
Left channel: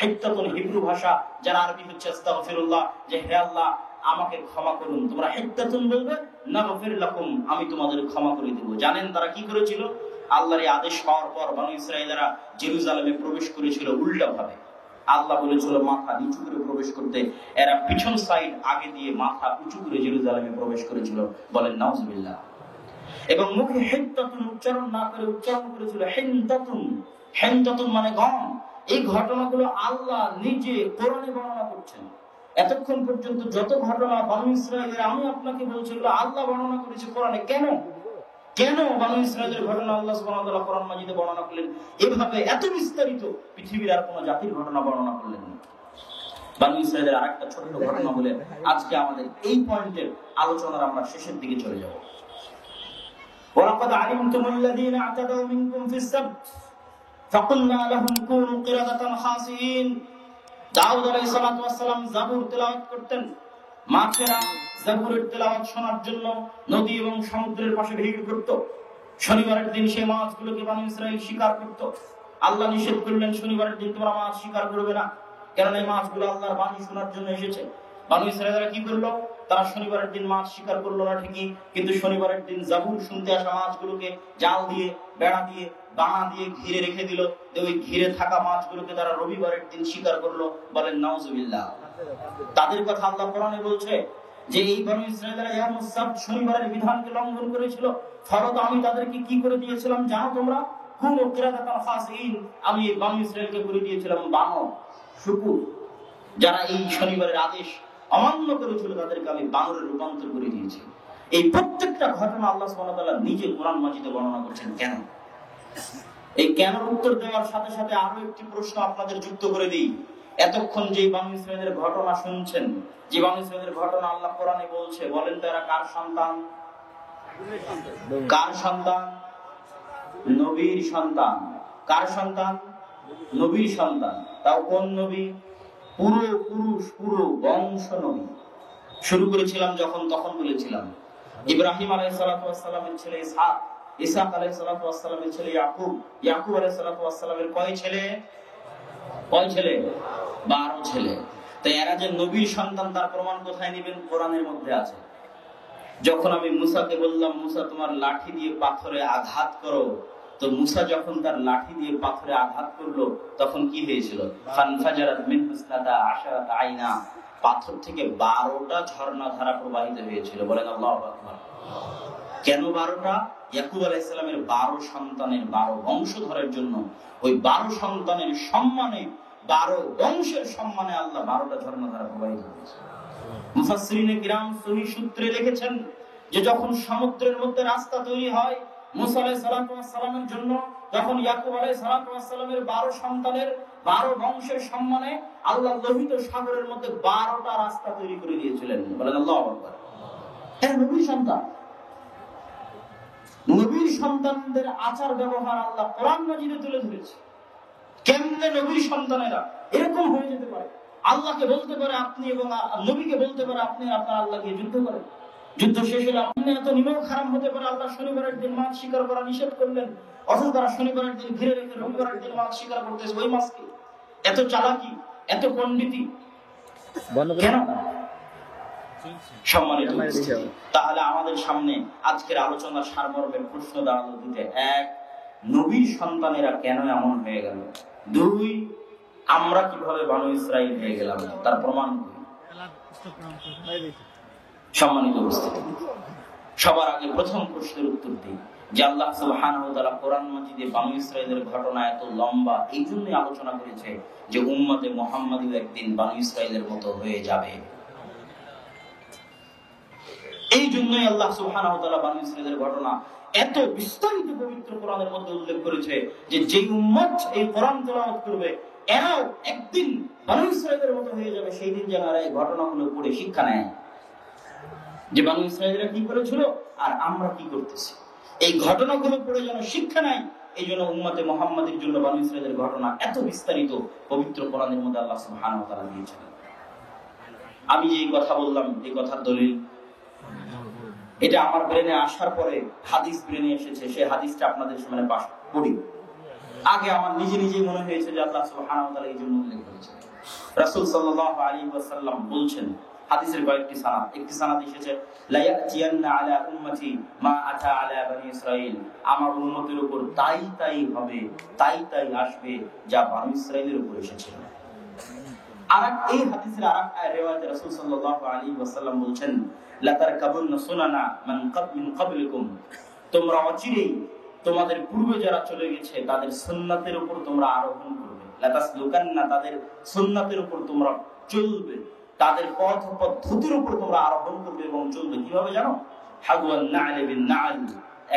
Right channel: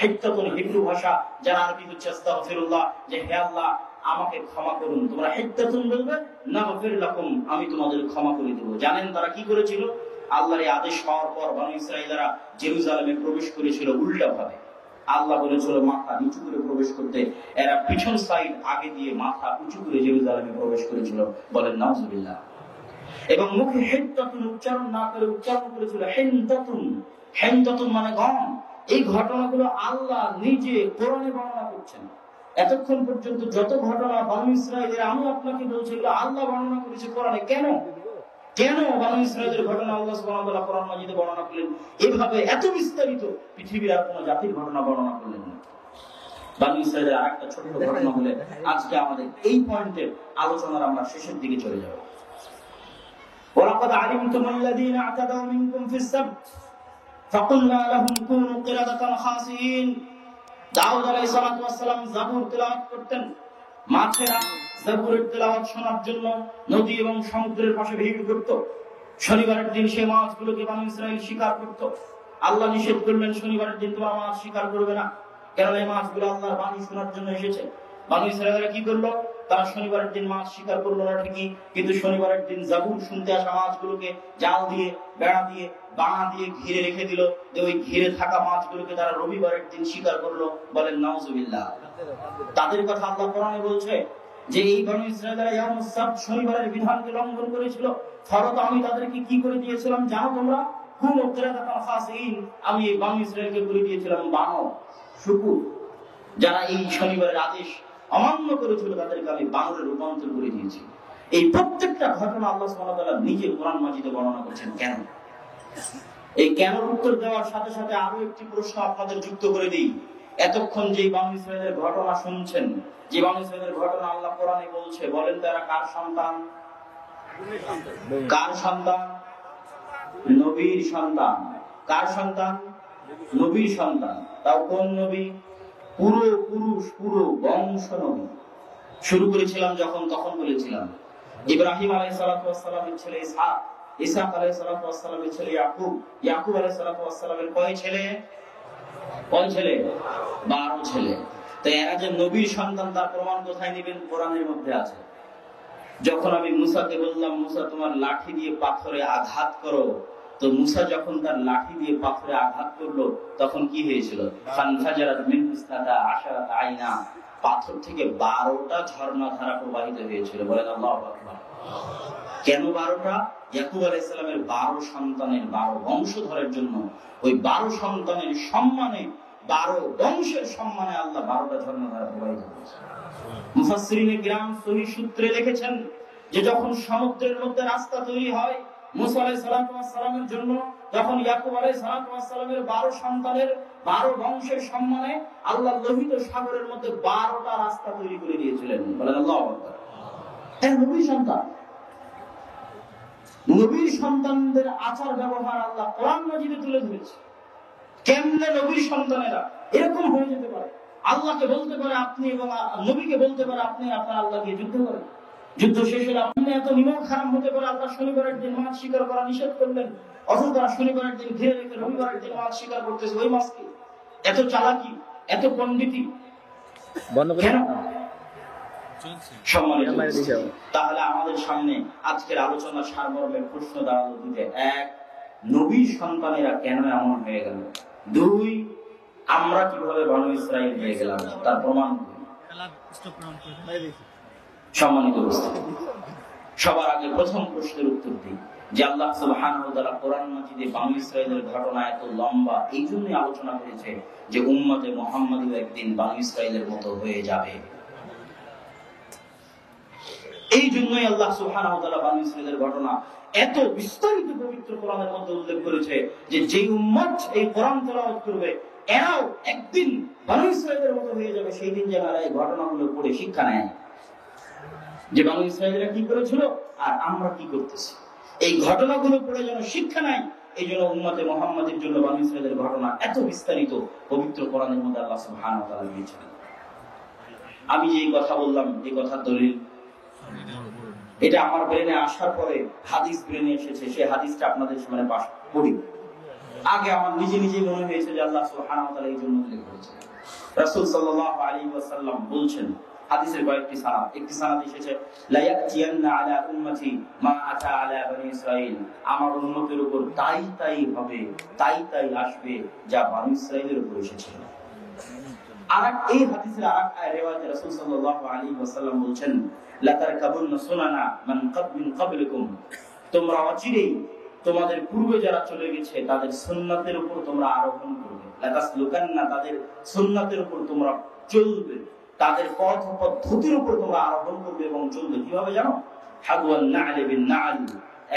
হিত্তাতুন হিব্রু ভাষা, যার আরবি হচ্ছে আস্তাগফিরুল্লাহ, যে হে আল্লাহ আমাকে ক্ষমা করুন। তোমরা হিত্তাতুন বলবে, নাগফির লাকুম, আমি তোমাদের ক্ষমা করে দেব। জানেন তারা কি করেছিল? আল্লাহর এই আদেশ হওয়ার পর বনু ইসরাঈলেরা জেরুজালেমে প্রবেশ করেছিল উল্টা ভাবে। আল্লাহ বলেছিল মাথা নিচু করে প্রবেশ করতে, এরা পিছন সাইড আগে দিয়ে মাথা উঁচু করে জেরুজালেমে প্রবেশ করেছিল। বলেন নাউজুবিল্লাহ। এবং মুখে হিত্তাতুন উচ্চারণ না করে উচ্চারণ করেছিল হিনতাতুন। হিনতাতুন মানে গম। এই ঘটনাগুলো আল্লাহ নিজে কোরআনে বর্ণনা করছেন। এতক্ষণ পর্যন্ত যত ঘটনা বনু ইসরাঈলের আমি আপনাকে বলছি, এগুলো আল্লাহ বর্ণনা করেছে কোরআনে। কেন কেন বনু ইসরাঈলের ঘটনা আল্লাহ সুবহানাহু ওয়া তাআলা কোরআন মাজিদে বর্ণনা করলেন? এভাবে এত বিস্তারিত পৃথিবীর আর কোন জাতির ঘটনা বর্ণনা করলেন না। বনু ইসরাঈলের আরেকটা ছোট ঘটনা বলে আজকে আমাদের এই পয়েন্টের আলোচনার আমরা শেষের দিকে চলে যাব। ওয়ালাকাদ আলিমতুমুল্লাযীনা আ'তাদাউ মিনকুম ফিস সাbt ফাকুলনা লাহুম কুনু কিরাদাতান খাসিন। দাউদ আলাইহিস সালাম জাবুর তেলাওয়াত করতেন। মাছেরা জাবুরের তেলাওয়াত শোনার জন্য নদী এবং সমুদ্রের পাশে ভিড় করত। শনিবারের দিন সে মাছগুলোকে বনু ইসরাঈল শিকার করত। আল্লাহ নিষেধ করলেন, শনিবারের দিন তোমরা মাছ শিকার করবে না, কারণ এই মাছগুলো আল্লাহর বাণী শোনার জন্য এসেছে। বনু ইসরাঈলরা কি করলো? তারা শনিবারের দিন মাছ শিকার করলো না ঠিকই, কিন্তু শনিবারের দিন জাবুর শুনতে আসা মাছগুলোকে জাল দিয়ে, বেড়া দিয়ে, বানা দিয়ে ঘিরে রেখে দিল। ওই ঘিরে থাকা মাছগুলোকে তারা রবিবারের দিন শিকার করলো। বলেন নাউজুবিল্লাহ। তাদের কথা আল্লাহ কোরআনে বলছে যে এই বনু ইসরাঈলরা ইয়াউমুস সাbt শনিবারের বিধানকে লঙ্ঘন করেছিল। ফলত আমি তাদেরকে কি করে দিয়েছিলাম জানো তোমরা? কুনু কিরাদাতান খাসিন, আমি এই বনু ইসরাঈলকে করে দিয়েছিলাম বানর, শুকুর। যারা এই শনিবারের আদেশ অমান্য করেছিল তাদেরকে আমি বানরে রূপান্তর করে দিয়েছি। এই প্রত্যেকটা ঘটনা আল্লাহ সুবহানাহু ওয়া তাআলা নিজে কোরআন মাজিদে বর্ণনা করছেন। কেন? এই কেন উত্তর দেওয়ার সাথে সাথে আরো একটি প্রশ্ন আপনাদের যুক্ত করে দিই। এতক্ষণ যে বনু ইসরাঈলের ঘটনা শুনছেন, যে বনু ইসরাঈলের ঘটনা আল্লাহ কোরআনে বলছে, বলেন তারা কার সন্তান? কার সন্তান? নবীর সন্তান। কার সন্তান? নবীর সন্তান। তাও কোন নবী? পুরো পুরুষ, পুরো বংশ নবী। শুরু করেছিলাম যখন, তখন বলেছিলাম ইব্রাহিম আলাইহিস সালাতু ওয়াস সালামের ছেলে ইসহাক, ইসহাক আলাইহিস সালাতু ওয়াস সালামের ছেলে ইয়াকুব, ইয়াকুব আলাইহিস সালাতু ওয়াস সালামের কয় ছেলে? 12 ছেলে। তো এরা যে নবীর সন্তান তার প্রমাণ কোথায় নেবেন? কোরআনের মধ্যে আছে। যখন আমি মুসাকে বললাম, মুসা তোমার লাঠি দিয়ে পাথরে আঘাত করো, তো মুসা যখন তার লাঠি দিয়ে পাথরে আঘাত করলো তখন কি হয়েছিল? ফানফাজারাত মিনহু ইসনাতা আশারাতা আইনা, পাথর থেকে 12টা ঝর্ণা ধারা প্রবাহিত হয়েছিল। বলেন আল্লাহু আকবার। কেন 12টা? ইয়াকুব আলাইহিস সালামের 12 সন্তানের 12 বংশধরের জন্য, ওই 12 সন্তানের সম্মানে, 12 বংশের সম্মানে আল্লাহ 12টা ঝর্ণা ধারা প্রবাহিত করেছেন। মুফাসসিরিনে কিরাম সহিহ সূত্রে লিখেছেন যে যখন সমুদ্রের মধ্যে রাস্তা তৈরি হয় মুসা আলাইহিস সালামের জন্য, তখন ইয়াকুব আলাইহিস সালামের 12 সন্তানের 12 বংশের সম্মানে আল্লাহ লোহিত সাগরের মধ্যে 12টা রাস্তা তৈরি করে দিয়েছিলেন। বলেন আল্লাহু আকবার। হ্যাঁ, নবীর সন্তান, নবীর সন্তানদের আচার ব্যবহার আল্লাহ কোরআন মাজিদে তুলে ধরেছে। কেমনে নবীর সন্তানেরা এরকম হয়ে যেতে পারে? আল্লাহকে বলতে পারে আপনি, এবং নবীকে বলতে পারে আপনি, আপনার আল্লাহকে যুদ্ধ করেন। যুদ্ধ শেষ হলে আপনি এত নিমক খারাপ হতে পারে আল্লাহ শনিবারের দিন মাছ শিকার করা নিষেধ করলেন, অথচ তারা শনিবারের দিন ঘিরে রেখে রবিবারের দিন মাছ শিকার করতেছে। ওই মাছকে এত চালাকি, এত পণ্ডিতি কেন? তাহলে আমাদের সামনে আজকের আলোচনা সারমর্মে প্রশ্ন দেওয়া দিতে, 1, নবীর সন্তানেরা কেন এমন হয়ে গেল? 2, আমরা কিভাবে বনু ইসরাইল হয়ে গেলাম তার প্রমাণ। সম্মানিত উপস্থিতি, সবার আগে প্রথম প্রশ্নের উত্তর দিই যে আল্লাহ সুবহানাহু ওয়া তাআলা কোরআন মাজিদে বনু ইসরাইলের ঘটনা এত লম্বা এই জন্যই আলোচনা করেছে যে উম্মতে মুহাম্মাদও একদিন বনু ইসরাইলের মতো হয়ে যাবে। এই জন্যই আল্লাহ সুবহানাহু ওয়া তাআলা বনু ইসরাইলের ঘটনা এত বিস্তারিত পবিত্র কোরআনের মধ্যে উল্লেখ করেছে যে যে উম্মত এই কোরআন তেলাওয়াত করবে এরাও একদিন বনু ইসরাইলের মতো হয়ে যাবে। সেই দিন যেন এই ঘটনাগুলো পড়ে শিক্ষা নেয় যে বনু ইসরাইলরা কি করেছিল আর আমরা কি করতেছি। এই ঘটনাগুলো পড়ে যেন শিক্ষা নেয়। এই জন্য উম্মতে মুহাম্মাদের জন্য বনু ইসরাইলের ঘটনা এত বিস্তারিত পবিত্র কোরআনের মধ্যে আল্লাহ সুবহানাহু ওয়া তাআলা দিয়েছেন। আমি যে কথা বললাম এই কথার দলিল, এটা আমার ব্রেনে আসার পরে হাদিস ব্রেনে এসেছে, সেই হাদিসটা আপনাদের সামনে পাঠ করি। আগে আমার নিজে মনে হয়েছে যে আল্লাহ সুবহানাহু ওয়া তাআলা এই জন্য উল্লেখ করেছেন। রাসূল সাল্লাল্লাহু আলাইহি ওয়াসাল্লাম বলছেন, হাদিসের কয়েকটি সানাদ, একটি সানাদ এসেছে লা ইয়াতিয়ান্না আলা উম্মতি মা আতা আলা বনি ইসরাইল, আমার উম্মতের উপর তাই হবে, তাই আসবে যা বনি ইসরাইলের উপর এসেছে। আর এই হাদিসের আরেক রিওয়ায়াতে রাসূল সাল্লাল্লাহু আলাইহি ওয়াসাল্লাম বলেন লা তারকাবুন্না সুনানা মান ক্বাবলিকুম, তোমরা অচিরেই তোমাদের পূর্বে যারা চলে গেছে তাদের সুন্নাতের উপর তোমরা আরোহণ করবে। লা তাসলুকান্না, তাদের সুন্নাতের উপর তোমরা চলবে, তাদের পথ পদ্ধতির উপর তোমরা আরোহণ করবে এবং চলবে। কিভাবে জানো? হাদওয়ান না'লি বিন না'ল,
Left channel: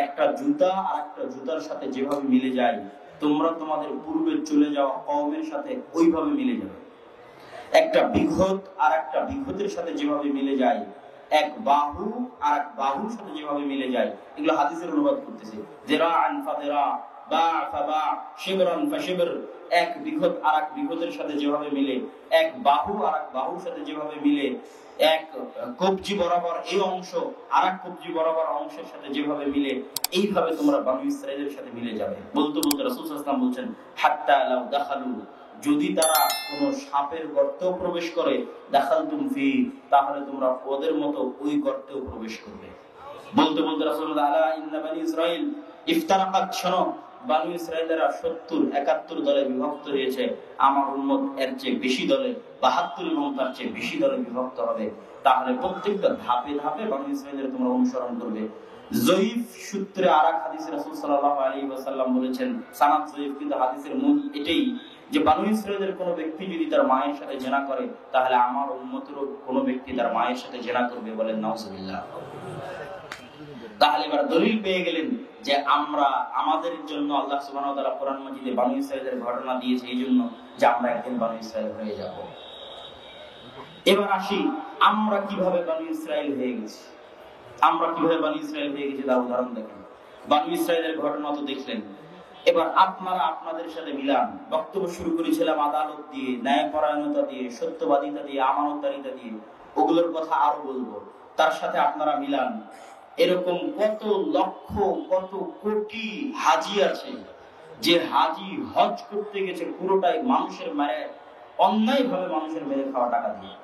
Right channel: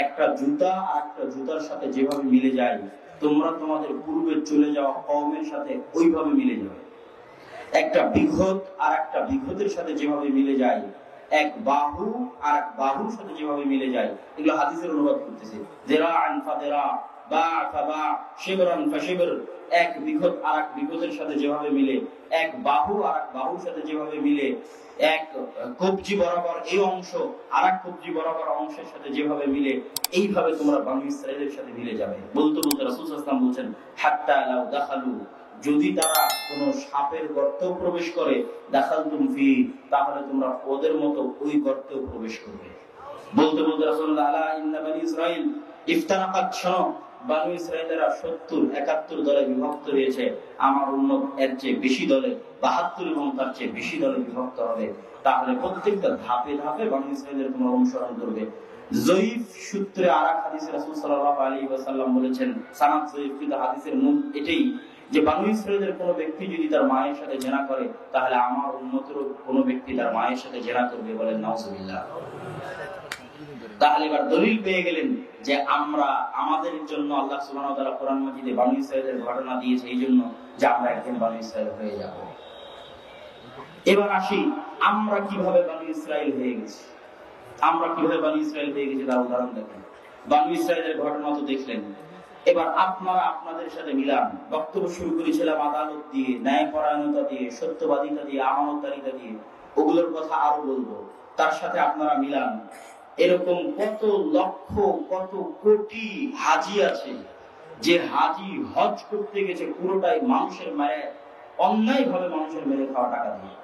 একটা জুতা আর একটা জুতার সাথে যেভাবে মিলে যায় তোমরা তোমাদের পূর্বে চলে যাওয়া কওমের সাথে ওইভাবে মিলে যাবে। একটা বিঘত আর একটা বিঘতের সাথে যেভাবে মিলে যায়, এক বাহু আর এক বাহুর সাথে যেভাবে মিলে যায়, এগুলো হাদিসের অনুবাদ করতেছে। যিরাআন ফাযিরা, বা ফাবা, শিবরান ফাশিবর, এক বিঘত আর এক বিঘতের সাথে যেভাবে মিলে, এক বাহু আর এক বাহুর সাথে যেভাবে মিলে, এক কবজি বরাবর এই অংশ আর এক কবজি বরাবর অংশের সাথে যেভাবে মিলে, এইভাবে তোমরা বনু ইসরাইলের সাথে মিলে যাবে। বলতে রাসূল সাল্লাল্লাহু আলাইহি ওয়াসাল্লাম বলছেন হাত্তা লাউ দাখালু, যদি তারা কোন সাপের গর্তে প্রবেশ করে, দাখালতুম ফি, তাহলে তোমরা ওদের মতো ওই গর্তে প্রবেশ করবে। বলতে রাসূলুল্লাহ আলা ইন্না বনি ইসরাইল ইফতারাকাত, শোনো বনু ইসরাইলেরা 70-71 দলে বিভক্ত হয়েছে, আমার উম্মত এর চেয়ে বেশি দলে 72 এবং তার চেয়ে বেশি দলে বিভক্ত হবে। তাহলে প্রত্যেকটা ধাপে ধাপে বনু ইসরাইলের তোমরা অনুসরণ করবে। জয়ীফ সূত্রে আরেক হাদিসে রাসূল সাল্লাল্লাহু আলাইহি ওয়াসাল্লাম বলেছেন, সানাদ জয়ীফ কিন্তু হাদিসের মূল এটাই যে বনু ইসরাইলের কোন ব্যক্তি যদি তার মায়ের সাথে জিনা করে তাহলে আমার উম্মতেরও কোন ব্যক্তি তার মায়ের সাথে জিনা করবে। বলেন নাউজুবিল্লাহ। তাহলে এবার দলিল পেয়ে গেলেন যে আমরা আমাদের জন্য আল্লাহ সুবহানাহু ওয়া তাআলা কোরআন মাজিদে বনু ইসরাইলের ঘটনা দিয়েছে এই জন্য যে আমরা একদিন বনু ইসরাইল হয়ে যাব। এবার আসি আমরা কিভাবে বনু ইসরাইল হয়ে গেছি। তার উদাহরণ দেখেন। বনু ইসরাইলের ঘটনা তো দেখলেন, এবার আপনারা আপনাদের সাথে মিলান। বক্তব্য শুরু করেছিলাম আদালত দিয়ে, ন্যায়পরায়ণতা দিয়ে, সত্যবাদিতা দিয়ে, আমানতদারিতা দিয়ে, ওগুলোর কথা আরো বলবো। তার সাথে আপনারা মিলান এরকম কত লক্ষ কত কোটি হাজি আছে যে হাজি হজ করতে গেছে পুরোটাই মানুষের মেরে, অন্যায় ভাবে মানুষের মেরে খাওয়া টাকা দিয়ে।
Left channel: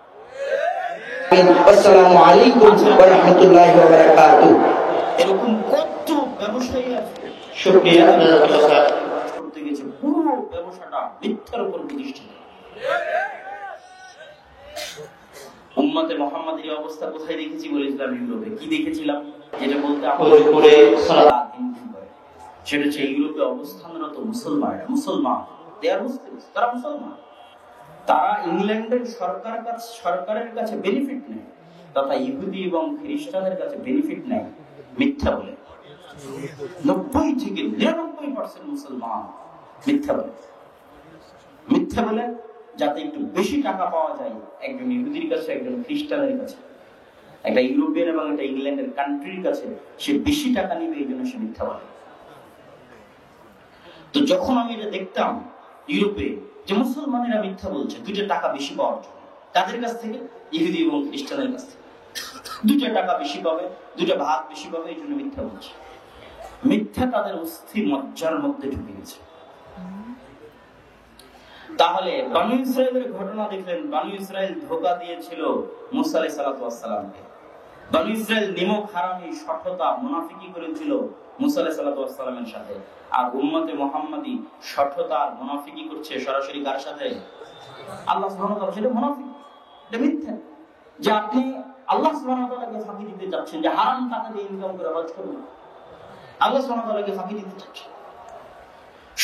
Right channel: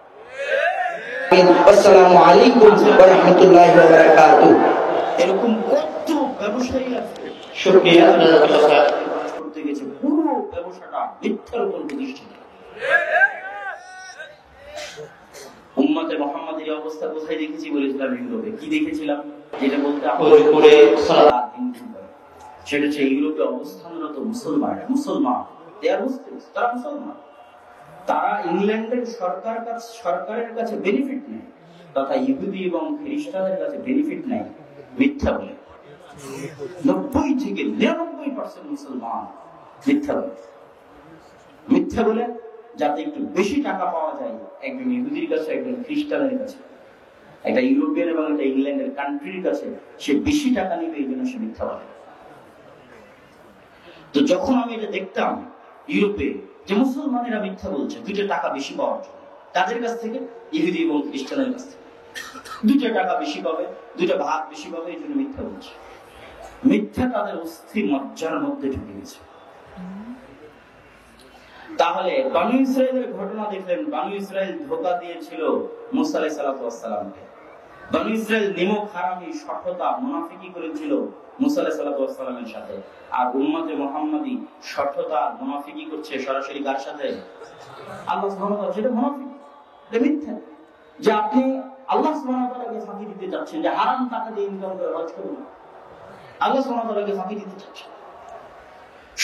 আসসালামু আলাইকুম ওয়া রাহমাতুল্লাহি ওয়া বারাকাতুহু। এরকম কত ব্যবসায়ী আছে শুকরিয়া করতে গেছে পুরো ব্যবসাটা মিথ্যার উপর প্রতিষ্ঠিত। উম্মতে মুহাম্মাদের এই অবস্থা কোথায় দেখেছি বলেছিলাম? ইউরোপে। কি দেখেছিলাম? যেটা বলতে করে সালাত সেটা হচ্ছে ইউরোপে অবস্থানরত মুসলমান তারা মুসলমান, তারা ইংল্যান্ডের সরকারের কাছে বেনিফিট নেয়, তথা ইহুদি এবং খ্রিস্টানদের কাছে বেনিফিট নেয় মিথ্যা বলে। 90 থেকে 99% মুসলমান মিথ্যা বলে যাতে একটু বেশি টাকা পাওয়া যায় একজন ইহুদির কাছে, একজন খ্রিস্টানের কাছে, একটা ইউরোপিয়ান এবং একটা ইংল্যান্ডের কান্ট্রির কাছে সে বেশি টাকা নিবে, এই জন্য সে মিথ্যা বলে। তো যখন আমি এটা দেখতাম ইউরোপে যে মুসলমানেরা মিথ্যা বলছে 2 টাকা বেশি পাওয়ার জন্য, তাদের কাছ থেকে ইহুদি এবং খ্রিস্টানের কাছ থেকে 2 টাকা বেশি পাবে, 2 ভাগ বেশি পাবে, এই জন্য মিথ্যা বলছে। মিথ্যা তাদের অস্থি মজ্জার মধ্যে ঢুকে গেছে। তাহলে বনী ইসরায়েলের ঘটনা দেখলেন, বনী ইসরায়েল ধোঁকা দিয়েছিল মুসা আলাইহিস সালামকে। বনী ইসরায়েল নিমক হারামি সভ্যতা মুনাফিকি করেছিল মুসা আলাইহিস সালামের সাথে। আর উম্মতে মুহাম্মাদি সভ্যতা আর মুনাফিকি করছে সরাসরি কার সাথে? আল্লাহ সুবহানাহু ওয়া তাআলা। সেটা মুনাফিক, এটা মিথ্যা। যে আপনি আল্লাহ সুবহানাহু ওয়া তাআলাকে ফাঁকি দিতে চাচ্ছেন, যে হারাম টাকা দিয়ে ইনকাম করে হজ করবেন, আল্লাহ সুবহানাহু ওয়া তাআলাকে ফাঁকি দিতে চাচ্ছেন।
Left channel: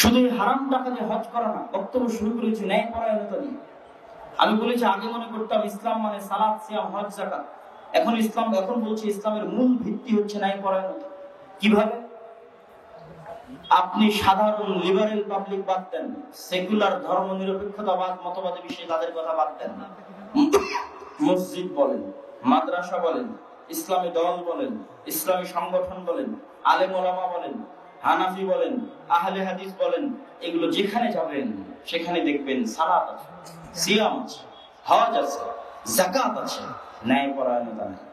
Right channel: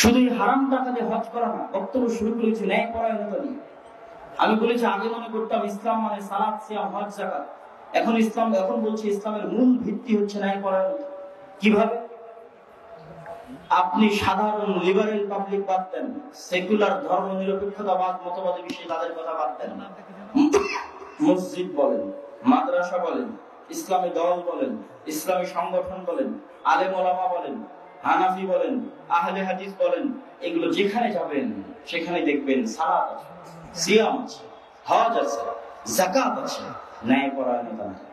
শুধু হারাম টাকা দিয়ে হজ করা না, বক্তব্য শুরু করেছি ন্যায়পরায়ণতা নিয়ে। আমি বলেছি আগে মনে করতাম ইসলাম মানে সালাত, সিয়াম, হজ, যাকাত। এখন বলছি ইসলামের মূল ভিত্তি হচ্ছে ন্যায়পরায়ণতা। কিভাবে? আপনি সাধারণ লিবারেল পাবলিক বাদ দেন, সেকুলার ধর্ম নিরপেক্ষতাবাদ মতবাদী বিষয়ে তাদের কথা বাদ দেন না। মসজিদ বলেন, মাদ্রাসা বলেন, ইসলামী দল বলেন, ইসলামী সংগঠন বলেন, আলেম ওলামা বলেন, হানাফি বলেন, আহলে হাদিস বলেন, এগুলো যেখানে যাবেন সেখানে দেখবেন সালাত আছে, সিয়াম আছে, হজ আছে, যাকাত আছে, ন্যায়পরায়ণতা নাই,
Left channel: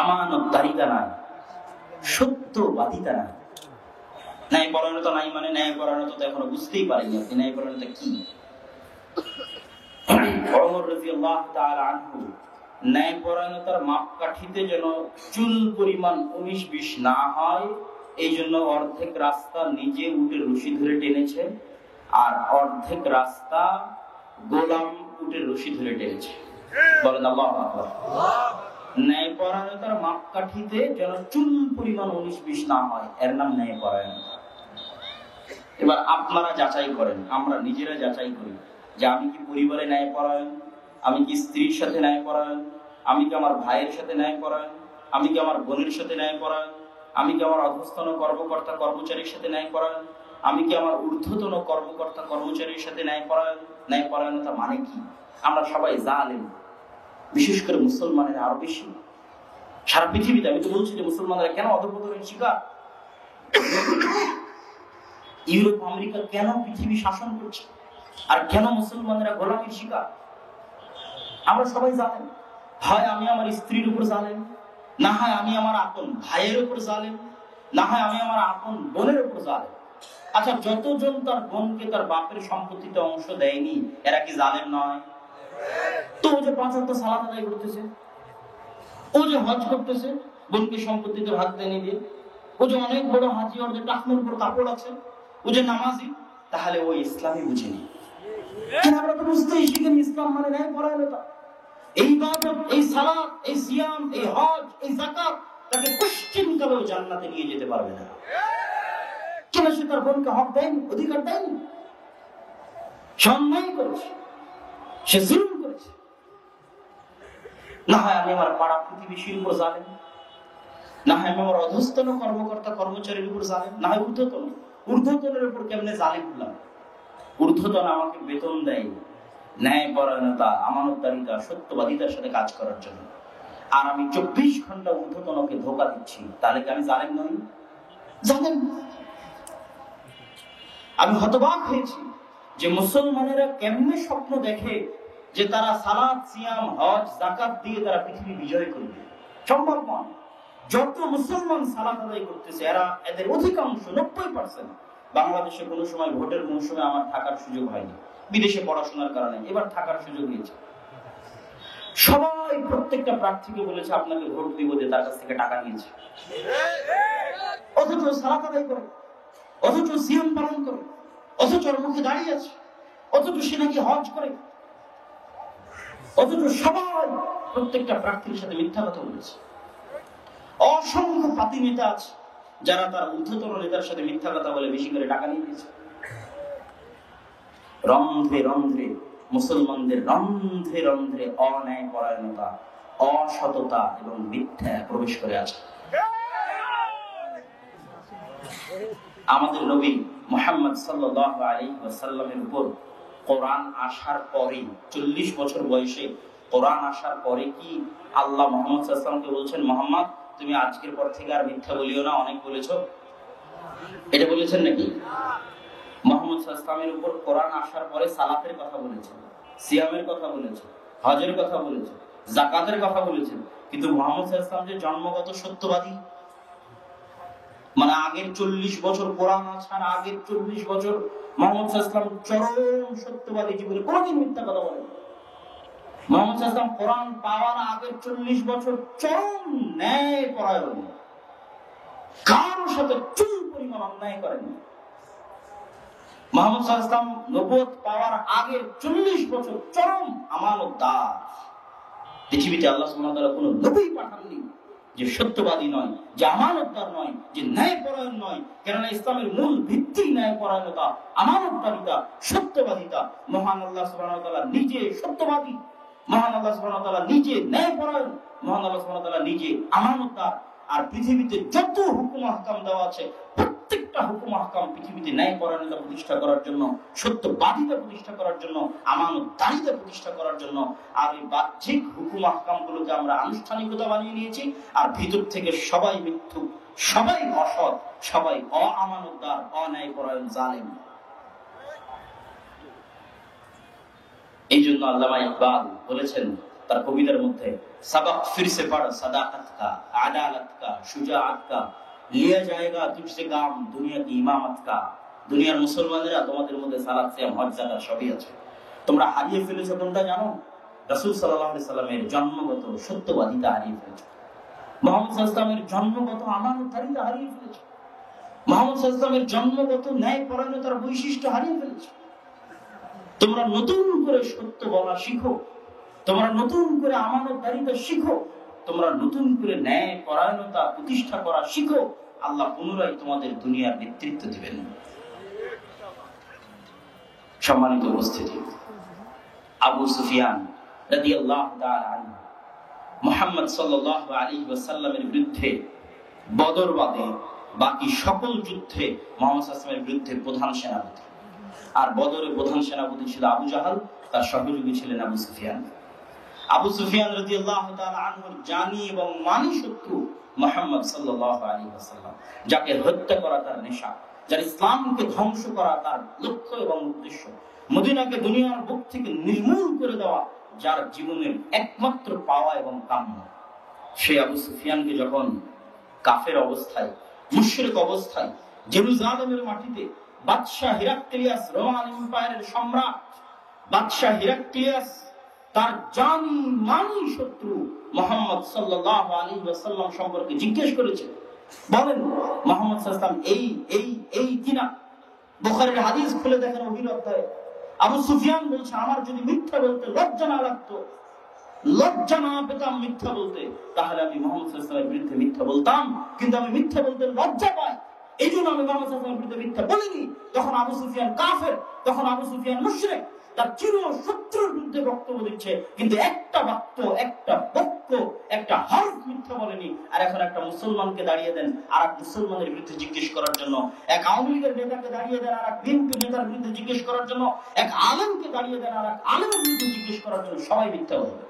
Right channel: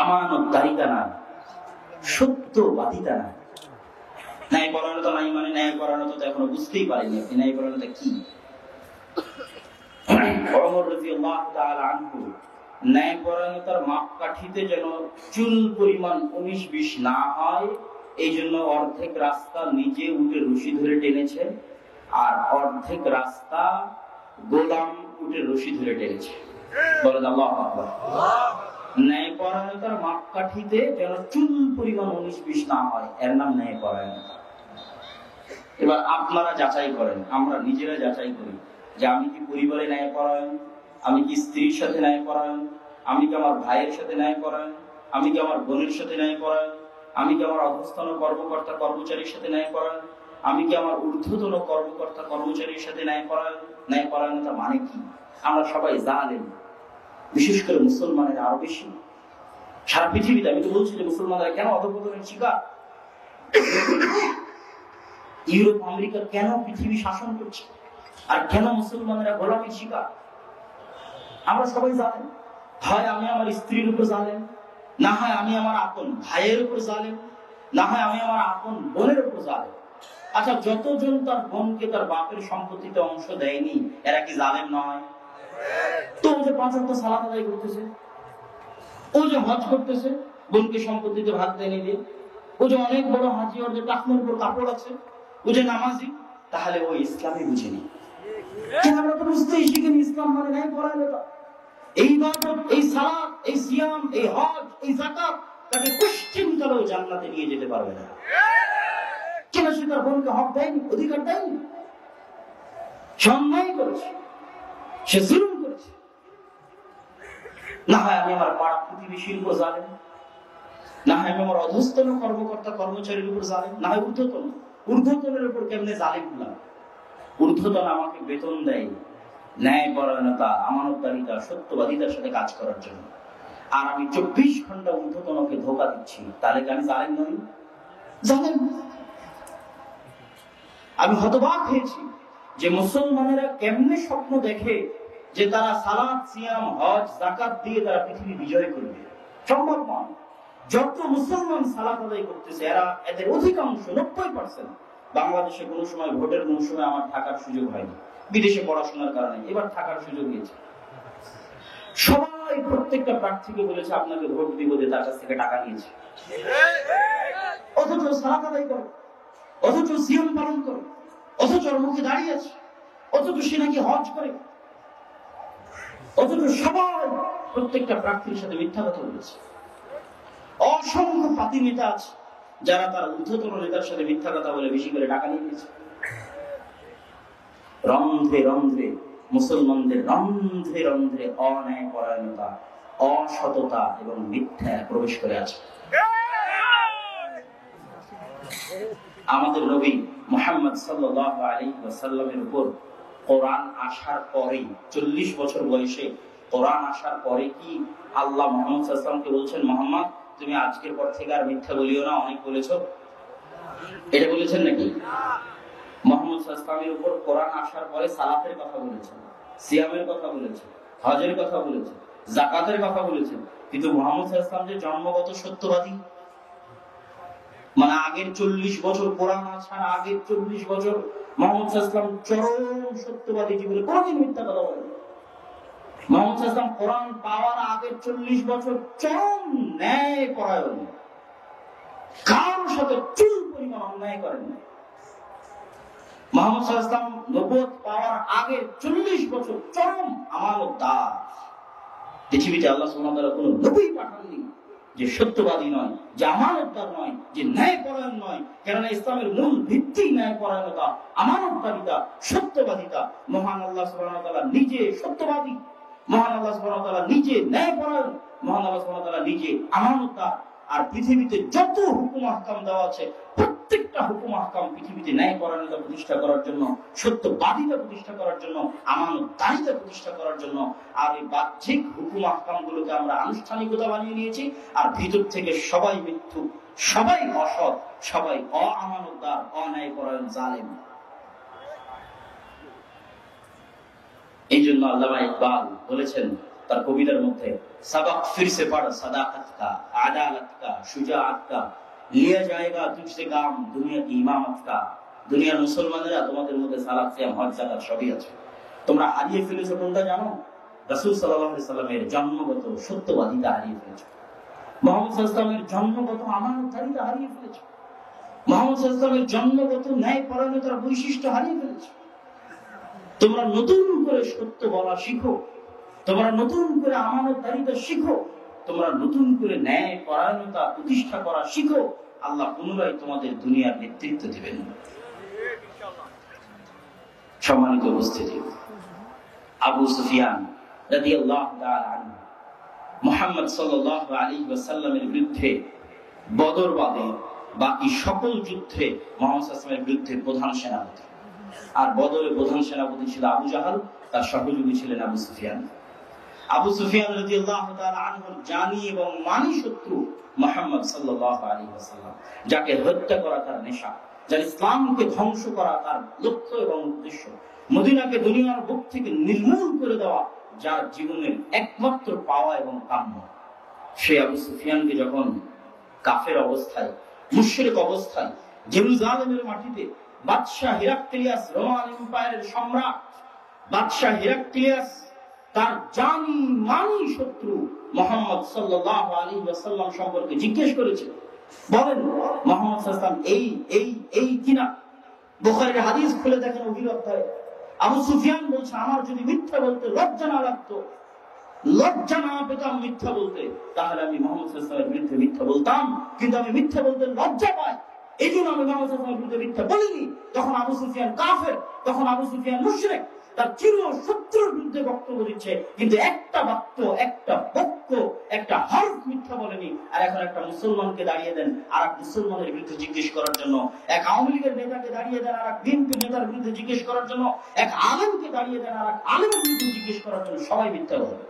আমানতদারিতা নাই, সত্যবাদিতা নাই। ন্যায়পরায়ণতা নাই মানে ন্যায়পরায়ণতা তো এখনো বুঝতেই পারিনি আপনি ন্যায়পরায়ণতা কি। ওমর রাদিয়াল্লাহু তাআলা আনহু ন্যায়পরায়ণতার মাপকাঠিতে যেন চুল পরিমাণ 19-20 না হয়, এই জন্য অর্ধেক রাস্তা নিজে উঠে রশি ধরে টেনেছেন, আর অর্ধেক রাস্তা গোলাম উঠে রশি ধরে টেনেছে। বলেন আল্লাহু আকবার। ন্যায়পরায়ণতার মাপকাঠিতে যেন চুল পরিমাণ 19-20 না হয়, এর নাম ন্যায়পরায়ণতা। এবার আপনারা যাচাই করেন, আমরা নিজেরা যাচাই করি যে আমি কি পরিবারে ন্যায়পরায়ণ, আমি কি স্ত্রীর সাথে ন্যায়পরায়ণ, আমি কি আমার ভাইয়ের সাথে ন্যায়পরায়ণ, আমি কি আমার বোনের সাথে ন্যায়পরায়ণ, আমি কি আমার অধস্তন কর্মকর্তা কর্মচারীর সাথে ন্যায়পরায়ণ, আমি কি আমার ঊর্ধ্বতন কর্মকর্তা কর্মচারীর সাথে ন্যায়পরায়ণ। ন্যায়পরায়ণতা মানে কি? আমরা সবাই জানেন, বিশেষ করে মুসলমানের আরো বেশি। সারা পৃথিবীতে আমি তো বলছি যে মুসলমানরা কেন অধঃপতনের শিকার, ইউরোপ আমেরিকা কেন পৃথিবী শাসন করছে, আর কেন মুসলমানেরা গোলামির শিকার, আমরা সবাই জানেন। হয় আমি আমার স্ত্রীর উপর জানেন, না হয় আমি আমার আপন ভাইয়ের উপর জানেন, না হয় আমি আমার আপন বোনের উপর জানেন। আচ্ছা, যতজন তার বোনকে তার বাপের সম্পত্তিতে অংশ দেয়নি, এরা কি জানেন নয়? তো ও যে 5 ওয়াক্ত সালাত আদায় করতেছে, ও যে হজ করতেছে, বোনকে সম্পত্তিতে ভাগ দেয়নি দিয়ে, ও যে অনেক বড় হাজি, ওর যে টাকনোর উপর কাপড় আছে, ও যে নামাজি, তাহলে ও ইসলামই বুঝেনি। আমরা তো বুঝতেই শিখিনি ইসলাম মানে ন্যায়পরায়ণতা। এই ইবাদত, এই সালাত, এই সিয়াম, এই হজ, এই যাকাত তাকে কোশ্চেন কালেও জান্নাতে নিয়ে যেতে পারবে না। কেন সে তার বোনকে হক দেয়নি, অধিকার দেয়নি? অন্যায় করেছে, সে জুলুম করেছে। না হয় আমি আমার পাড়া প্রতিবেশীর উপর জানেন, না হয় আমি আমার অধস্তন কর্মকর্তা কর্মচারীর উপর জানেন, না হয় ঊর্ধ্বতনের উপর কেমনে জালেম হলাম। ঊর্ধ্বতন আমাকে বেতন দেয় ন্যায়পরায়ণতা, আমানতদারিতা, সত্যবাদিতার সাথে কাজ করার জন্য, আর আমি 24 ঘন্টা ঊর্ধ্বতনকে ধোঁকা দিচ্ছি, তাহলে কি আমি জালেম নই? জানেন, আমি হতবাক হয়েছি যে মুসলমানেরা কেমনে স্বপ্ন দেখে যে তারা সালাত, সিয়াম, হজ, যাকাত দিয়ে তারা পৃথিবী বিজয় করবে। সম্ভব নয়। যত মুসলমান সালাত আদায় করতেছে এদের অধিকাংশ 90% বাংলাদেশে কোনো সময় ভোটের মৌসুমে আমার থাকার সুযোগ হয়নি, বিদেশে পড়াশোনার কারণে, এবার থাকার সুযোগ হয়েছে। সবাই প্রত্যেকটা প্রার্থীকে বলেছে আপনাকে ভোট দিব, যে তার কাছ থেকে টাকা নিয়েছে, অথচ সালাত আদায় করে, অথচ সিয়াম পালন করে, অথচ মুখে দাঁড়িয়ে আছে, অথচ সে নাকি হজ করে, অথচ সবাই প্রত্যেকটা প্রার্থীর সাথে মিথ্যা কথা বলেছে। অসংখ্য পাতি নেতা আছে যারা তার ঊর্ধ্বতন নেতার সাথে মিথ্যা কথা বলে বেশি করে টাকা নিয়ে নিয়েছে। রন্ধ্রে রন্ধ্রে মুসলমানদের রন্ধ্রে রন্ধ্রে অন্যায় পরায়ণতা, অসততা এবং মিথ্যা প্রবেশ করে আছে। আমাদের নবী মুহাম্মদ সাল্লাল্লাহু আলাইহি ওয়াসাল্লামের উপর কোরআন আসার পরে 40 বছর বয়সে কোরআন আসার পরে কি আল্লাহ মুহাম্মদ সাল্লাল্লাহু আলাইহি ওয়াসাল্লামকে বলছেন, মুহাম্মদ তুমি আজকের পর থেকে আর মিথ্যা বলিও না, অনেক বলেছো, এটা বলেছেন নাকি? মুহাম্মদ সাল্লাল্লাহু আলাইহি ওয়াসাল্লামের উপর কোরআন আসার পরে সালাতের কথা বলেছেন, সিয়ামের কথা বলেছেন, হজের কথা বলেছেন, যাকাতের কথা বলেছেন, কিন্তু মুহাম্মদ সাল্লাল্লাহু আলাইহি ওয়াসাল্লাম যে জন্মগত সত্যবাদী, মানে আগের 40 বছর কোরআন আসার আগের 40 বছর মুহাম্মদ সাল্লাল্লাহু আলাইহি ওয়াসাল্লাম চরম সত্যবাদী জীবনে কোনদিন মিথ্যা কথা বলেন। মুহাম্মদ সাল্লাল্লাহু আলাইহি ওয়াসাল্লাম কোরআন পাওয়ার আগের 40 বছর চরম ন্যায় পরায়ণ, কারোর সাথে চুল পরিমাণ অন্যায় করেন না। মুহাম্মদ সাল্লাল্লাহু আলাইহি ওয়াসাল্লাম নবুয়ত পাওয়ার আগের 40 বছর চরম আমানতদার। পৃথিবীতে আল্লাহ সুবহানাহু ওয়া তাআলা কোনো নবী পাঠাননি যে সত্যবাদী নয়, যে আমানতদার নয়, যে ন্যায়পরায়ণ নয়। কেননা ইসলামের মূল ভিত্তি ন্যায়পরায়ণতা, আমানতকারিতা, সত্যবাদিতা। মহান আল্লাহ সুবহানাহু ওয়া তাআলা নিজে সত্যবাদী, মহান আল্লাহ সুবহানাহু ওয়া তাআলা নিজে ন্যায়পরায়ণ, মহান আল্লাহ সুবহানাহু ওয়া তাআলা নিজে আমানতদার। আর পৃথিবীতে যত হুকুম আহকাম দেওয়া আছে, প্রত্যেকটা হুকুম আহকাম পৃথিবীতে ন্যায়পরায়ণতা প্রতিষ্ঠা করার জন্য, সত্যবাদিতা প্রতিষ্ঠা করার জন্য, আমানতদারিতা প্রতিষ্ঠা করার জন্য। আর এই বাহ্যিক হুকুম আহকাম গুলোকে আমরা আনুষ্ঠানিকতা বানিয়ে নিয়েছি, আর ভিতর থেকে সবাই মিথ্যু, সবাই অসৎ, সবাই অআমানতদার, অন্যায়পরায়ণ, জালেম। এই জন্য আল্লামা ইকবাল বলেছেন তার কবিতার মধ্যে, সবক ফিরসে পড় সাদাকত কা, আদালত কা, শুজাআত কা, লিয়া জায়েগা তুঝসে কাম দুনিয়া কি ইমামত কা। দুনিয়ার মুসলমানেরা তোমাদের মধ্যে সালাত, সিয়াম, হজ, যাকাত সবই আছে, তোমরা হারিয়ে ফেলেছো কোনটা জানো? রাসূল সাল্লাল্লাহু আলাইহি সাল্লামের জন্মগত সত্যবাদিতা হারিয়ে ফেলেছো, মুহাম্মদ সাল্লাল্লাহু আলাইহি ওয়াসাল্লামের জন্মগত আমানতদারিতা হারিয়ে ফেলেছো, মুহাম্মদ সাল্লাল্লাহু আলাইহি ওয়াসাল্লামের জন্মগত ন্যায়পরায়ণতার বৈশিষ্ট্য হারিয়ে ফেলেছো। তোমরা নতুন করে সত্য বলা শিখো, তোমরা নতুন করে আমানতদারিতা শিখো, তোমরা নতুন করে ন্যায় পরায়ণতা প্রতিষ্ঠা করা শিখো। আল্লাহ পুনরায় তোমাদের দুনিয়ার নেতৃত্ব দেবেন। সম্মানিত উপস্থিতি, আবু সুফিয়ান রাদিয়াল্লাহু তাআলা আনহু মুহাম্মদ সাল্লাল্লাহু আলাইহি ওয়াসাল্লামের বিরুদ্ধে বদর বাদে বাকি সকল যুদ্ধে মুহাম্মদ সাল্লাল্লাহু আলাইহি ওয়াসাল্লামের বিরুদ্ধে প্রধান সেনাপতি। আর বদরে প্রধান সেনাপতি ছিল আবু জাহাল, তার সহযোগী ছিলেন আবু সুফিয়ান। আবু সুফিয়ান রাদিয়াল্লাহু তাআলা আনহুর জানি এবং মানি শত্রু মুহাম্মদ সাল্লাল্লাহু আলাইহি ওয়াসাল্লাম, যাকে হত্যা করা তার নেশা, যার ইসলামকে ধ্বংস করা তার লক্ষ্য এবং উদ্দেশ্য, মদিনাকে দুনিয়ার বুক থেকে নির্মূল করে দেওয়া যার জীবনের একমাত্র পাওয়া এবং কাম্য। সে আবু সুফিয়ানকে যখন কাফের অবস্থায়, মুশরিক অবস্থায় জেরুজালেমের মাটিতে বাদশাহ হিরাক্লিয়াস, রোমান এম্পায়ারের সম্রাট বাদশাহ হিরাক্লিয়াস তার জানি মানি শত্রু মুহাম্মদ সাল্লাল্লাহু আলাইহি ওয়াসাল্লাম সম্পর্কে জিজ্ঞেস করেছে, বলেন মুহাম্মদ সাল্লাল্লাহু আলাইহি ওয়াসাল্লাম এই কিনা? বুখারীর হাদিস খুলে দেখেন ওহির অধ্যায়ে আবু সুফিয়ান বলছে, আমার যদি মিথ্যা বলতে লজ্জা না লাগতো, লজ্জা না পেতাম মিথ্যা বলতে, তাহলে আমি মুহাম্মদ সাল্লাল্লাহু আলাইহি ওয়াসাল্লামের বিরুদ্ধে মিথ্যা বলতাম। কিন্তু আমি মিথ্যা বলতে লজ্জা পাই, এই জন্য আমি মুহাম্মদ সাল্লাল্লাহু আলাইহি ওয়াসাল্লামের বিরুদ্ধে মিথ্যা বলিনি। তখন আবু সুফিয়ান কাফের, তখন আবু সুফিয়ান মুশরিক, তার চির শত্রুর বিরুদ্ধে বক্তব্য দিচ্ছে, কিন্তু একটা বাক্য, একটা বাক্য, একটা হরফ মিথ্যা বলেনি। আর এখন একটা মুসলমানকে দাঁড়িয়ে দেন আর এক মুসলমানের বিরুদ্ধে জিজ্ঞেস করার জন্য, এক আওয়ামী লীগের নেতাকে দাঁড়িয়ে দেন আর এক বিএনপি নেতার বিরুদ্ধে জিজ্ঞেস করার জন্য, এক আলেমকে দাঁড়িয়ে দেন আর এক আলেমের বিরুদ্ধে জিজ্ঞেস করার জন্য, সবাই মিথ্যা বলবে।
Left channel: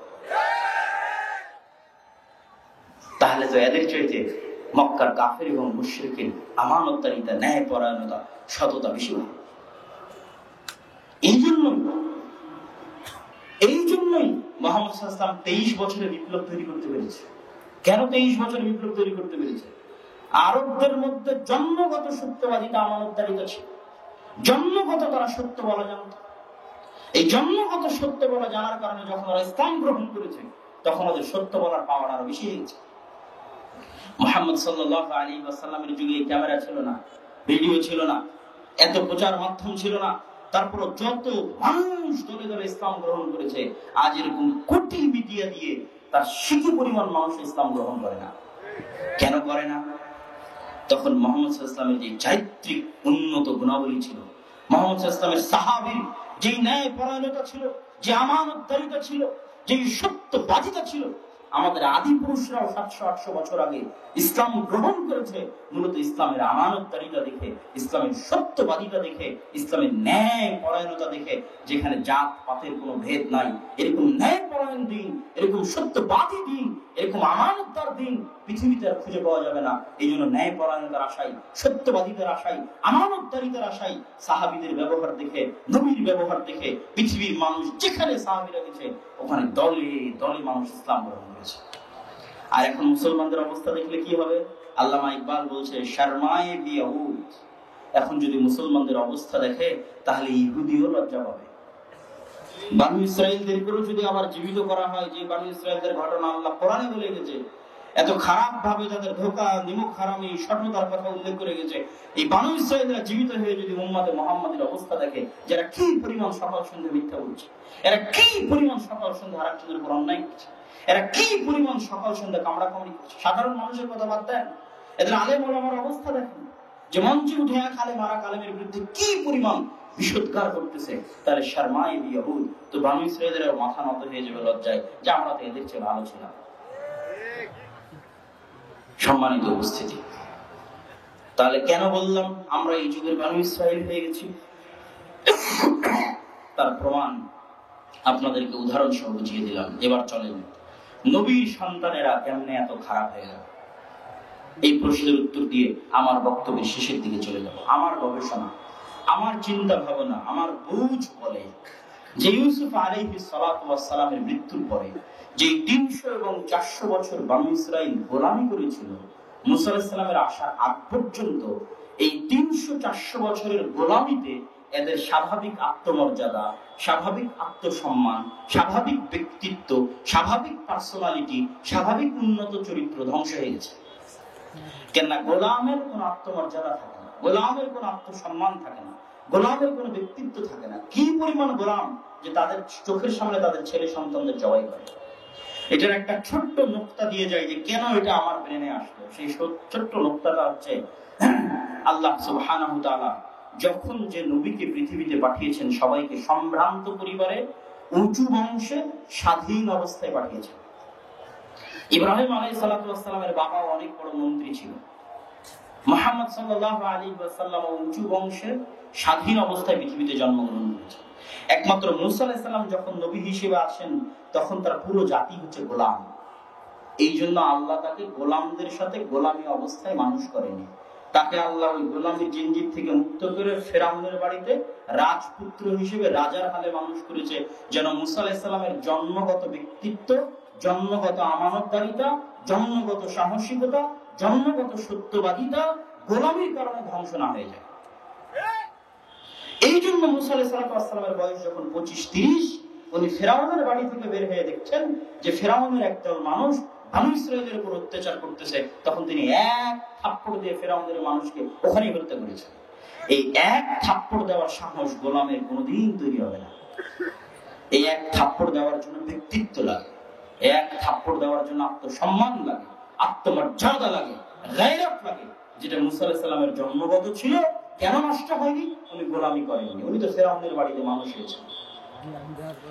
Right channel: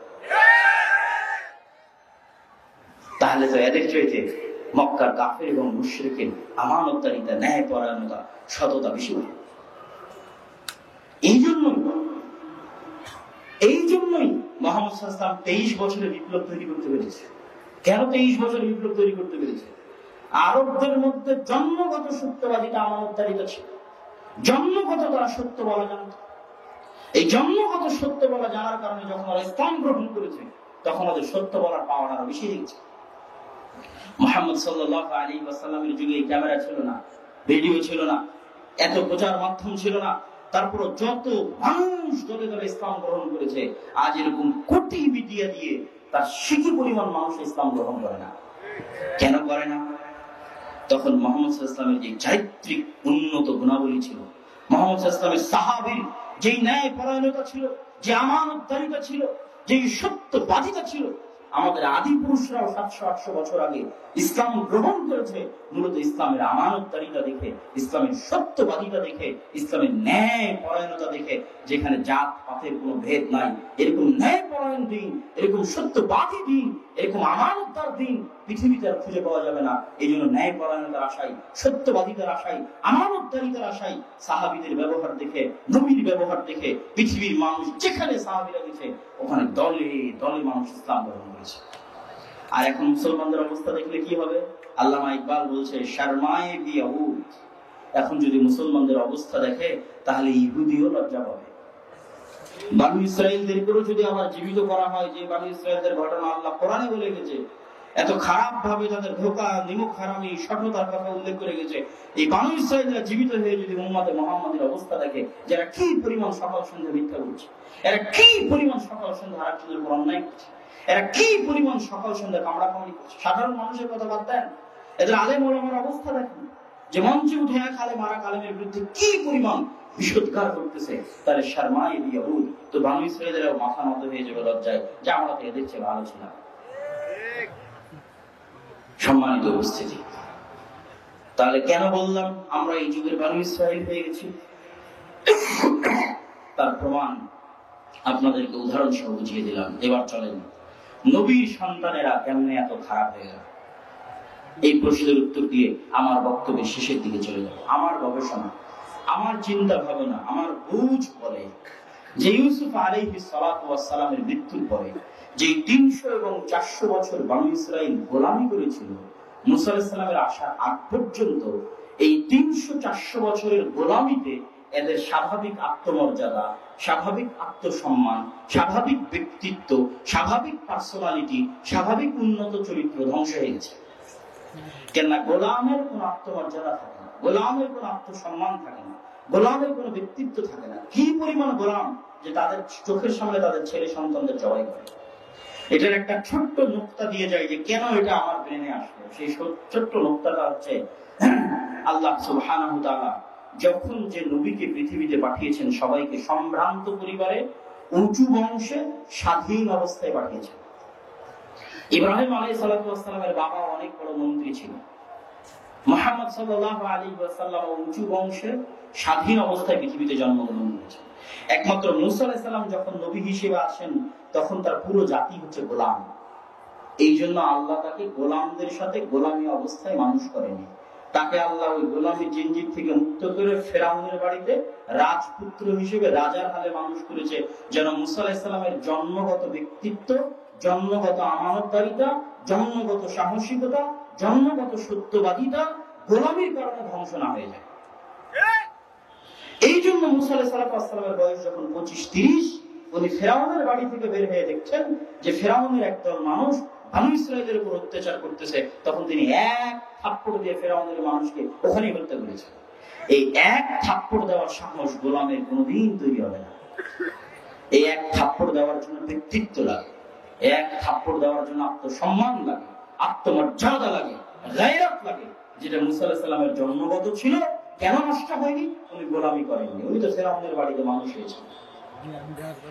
তাহলে তো এদের চাইতে মক্কার কাফের এবং মুশরিকের আমানতদারিতা, ন্যায় পরায়ণতা, সততা বেশি ভালো। এই জন্যই মুহাম্মদ সাল্লাল্লাহু আলাইহি ওয়াসাল্লাম 23 বছরে বিপ্লব তৈরি করতে পেরেছে। কেন 23 বছরে বিপ্লব তৈরি করতে পেরেছে? আরবদের মধ্যে জন্মগত সত্যবাদিতা, আমানতদারিতা ছিল। জন্মগত তারা সত্য বলা জানত। এই জন্মগত সত্য বলা জানার কারণে যখন ওরা ইসলাম গ্রহণ করেছে, তখন ওদের সত্য বলার পাওয়ার আরো বেশি হয়েছে। মুহাম্মদ সাল্লাল্লাহু আলাইহি ওয়াসাল্লামের যুগে ক্যামেরা ছিল না, ভিডিও ছিল না, এত প্রচার মাধ্যম ছিল না। তারপর যত মানুষ দলে দলে ইসলাম গ্রহণ করেছে, আজ এরকম কোটি মিডিয়া দিয়ে তার শিখি পরিমাণ মানুষ ইসলাম গ্রহণ করে না। কেন করে না? তখন মুহাম্মদ সাল্লাল্লাহু আলাইহি ওয়াসাল্লামের যে চারিত্রিক উন্নত গুণাবলী ছিল, মুহাম্মদ সাল্লাল্লাহু আলাইহি ওয়াসাল্লামের সাহাবীর যে ন্যায় পরায়ণতা ছিল, যে আমানতদারিতা ছিল, যে সত্যবাদিতা ছিল। আমাদের আদি পুরুষরাও 700-800 বছর আগে ইসলাম গ্রহণ করেছে মূলত ইসলামের আমানতদারিতা দেখে, ইসলামের সত্যবাদিতা দেখে, ইসলামের ন্যায় পরায়ণতা দেখে, যেখানে জাত পাতের কোনো ভেদ নাই। এরকম ন্যায় পরায়ণ দিন, এরকম সত্যবাদী দিন, এরকম আমানতদার দিন পৃথিবীতে আর খুঁজে পাওয়া যাবে না। এই জন্য ন্যায় পরায়ণতার আশায়, সত্যবাদিতার আশায়, আমানতদারিতার আশায় সাহাবীদের ব্যবহার দেখে, নবীর ব্যবহার দেখে পৃথিবীর মানুষ যেখানে সাহাবীরা গেছে ওখানে দলে দলে মানুষ ইসলাম গ্রহণ করেছে। আর এখন মুসলমানদের অবস্থা দেখলে কি হবে? আল্লামা ইকবাল বলছে, শর্মায়ে বিয়াহুদ। এখন যদি মুসলমানদের অবস্থা দেখে তাহলে ইহুদিও লজ্জা পাবে। বানু ইসরাইলদেরকেও যদি আবার জীবিত করা হয়, যে বানু ইসরাইলদের ঘটনা আল্লাহ কোরআনে বলে গেছে, এত খারাপ ভাবে তাদের ধোঁকা, নিমুখ হারামি, সঠতার কথা উল্লেখ করে গেছে, এই বানু ইসরাইলরা জীবিত হয়ে যদি উম্মতে মুহাম্মাদের অবস্থা দেখে, যারা কি পরিমাণ সকাল সন্ধ্যা মিথ্যা বলছে, এরা কি পরিমাণ সকাল সন্ধ্যা আরেকজনের উপর অন্যায় করছে, এরা কি পরিমাণ সকাল সন্ধ্যা কামড়া কামড়ি করছে, সাধারণ মানুষের কথা বাদ দেন, এদের আলেম ওলামার অবস্থা দেখেন, যে মঞ্চে উঠে এক আলেম আর এক আলেমের বিরুদ্ধে কি পরিমাণ বিষোদ্গার করতেছে, তার শর্মায়ে বিয়াহুদ। তো বানু ইসরাইলরা মাথা নত হয়ে যাবে লজ্জায়, যে আমরা তো এদের চেয়ে ভালো ছিলাম। সম্মানিত উপস্থিতি, তাহলে কেন বললাম আমরা এই যুগের বানু ইসরাইল হয়ে গেছি? তার প্রমাণ আপনাদেরকে উদাহরণ সহ বুঝিয়ে দিলাম। এবার চলেন, নবীর সন্তানেরা কেমনে এত খারাপ হয়ে গেল, এই প্রশ্নের উত্তর দিয়ে আমার বক্তব্যের শেষের দিকে চলে যাব। আমার গবেষণা, আমার চিন্তা ভাবনা, আমার বুঝ বলে যে ইউসুফ আলাইহিস সালাতু ওয়াস সালামের মৃত্যুর পরে যে 300 এবং 400 বছর বানু ইসরাইল গোলামি করেছিল, মুসা আলাইহিস সালামের আসার আগ পর্যন্ত এই 300-400 বছরের গোলামিতে এদের স্বাভাবিক আত্মমর্যাদা, স্বাভাবিক আত্মসম্মান, স্বাভাবিক ব্যক্তিত্ব, স্বাভাবিক পার্সোনালিটি, স্বাভাবিক উন্নত চরিত্র ধ্বংস হয়ে গেছে। কেননা গোলামের কোন আত্মমর্যাদা থাকে না, গোলামের কোন আত্মসম্মান থাকে না, গোলামের কোন ব্যক্তিত্ব থাকে না। কি পরিমাণ গোলাম যে তাদের চোখের সামনে তাদের ছেলে সন্তানদের জবাই করে। এটার একটা ছোট্ট নোক্তা দিয়ে যায় যে কেন এটা আমার ব্রেনে আসলো। সেই ছোট্ট নোক্তাটা হচ্ছে, আল্লাহ সুবহানাহু ওয়া তাআলা যখন যে নবীকে পৃথিবীতে পাঠিয়েছেন সবাইকে সম্ভ্রান্ত পরিবারে, উঁচু বংশে, স্বাধীন অবস্থায় পাঠিয়েছেন। ইব্রাহিম আলাইহিস সালাতু ওয়াস সালামের বাবা অনেক বড় মন্ত্রী ছিলেন। মুহাম্মদ সাল্লাল্লাহু আলাইহি ওয়াসাল্লাম উঁচু বংশে, স্বাধীন অবস্থায় পৃথিবীতে জন্মগ্রহণ করেছেন। একমাত্র মুসা আলাইহিস সালাম যখন নবী হিসেবে আসেন তখন তার পুরো জাতি হচ্ছে গোলাম। এই জন্য আল্লাহ তাকে গোলামদের সাথে গোলামী অবস্থায় মানুষ করেনি। তাকে আল্লাহ ওই গোলামী জিনজির থেকে মুক্ত করে ফেরাউনের বাড়িতে রাজপুত্র হিসেবে রাজার হালে মানুষ করেছে, যেন মুসা আলাইহিস সালামের জন্মগত ব্যক্তিত্ব, জন্মগত আমানতদারিতা, জন্মগত সাহসিকতা, জন্মগত সত্যবাদিতা গোলামীর কারণে ধ্বংস না হয়ে যায়। এই জন্য মুসা আলাইহিস সালামের বয়স যখন 25-30, উনি ফেরাউনের বাড়ি থেকে বের হয়ে দেখছেন যে ফেরাউনের একদল মানুষ বানু ইসরাইলের উপর অত্যাচার করতেছে, তখন তিনি এক থাপ্পড় দিয়ে ফেরাউনের মানুষকে ওখানেই হত্যা করেছেন। এই এক থাপ্পড় দেওয়ার সাহস গোলামের কোনোদিন তৈরি হবে না। এই এক থাপ্পড় দেওয়ার জন্য ব্যক্তিত্ব লাগে, এক থাপ্পড় দেওয়ার জন্য আত্মসম্মান লাগে, আত্মমর্যাদা লাগে, গায়রাত লাগে, যেটা মুসা আলাইহিস সালামের জন্মগত ছিল। কেন নষ্ট হয়নি? উনি গোলামি করেননি, উনি তো ফেরাউনের বাড়িতে মানুষ হয়েছেন।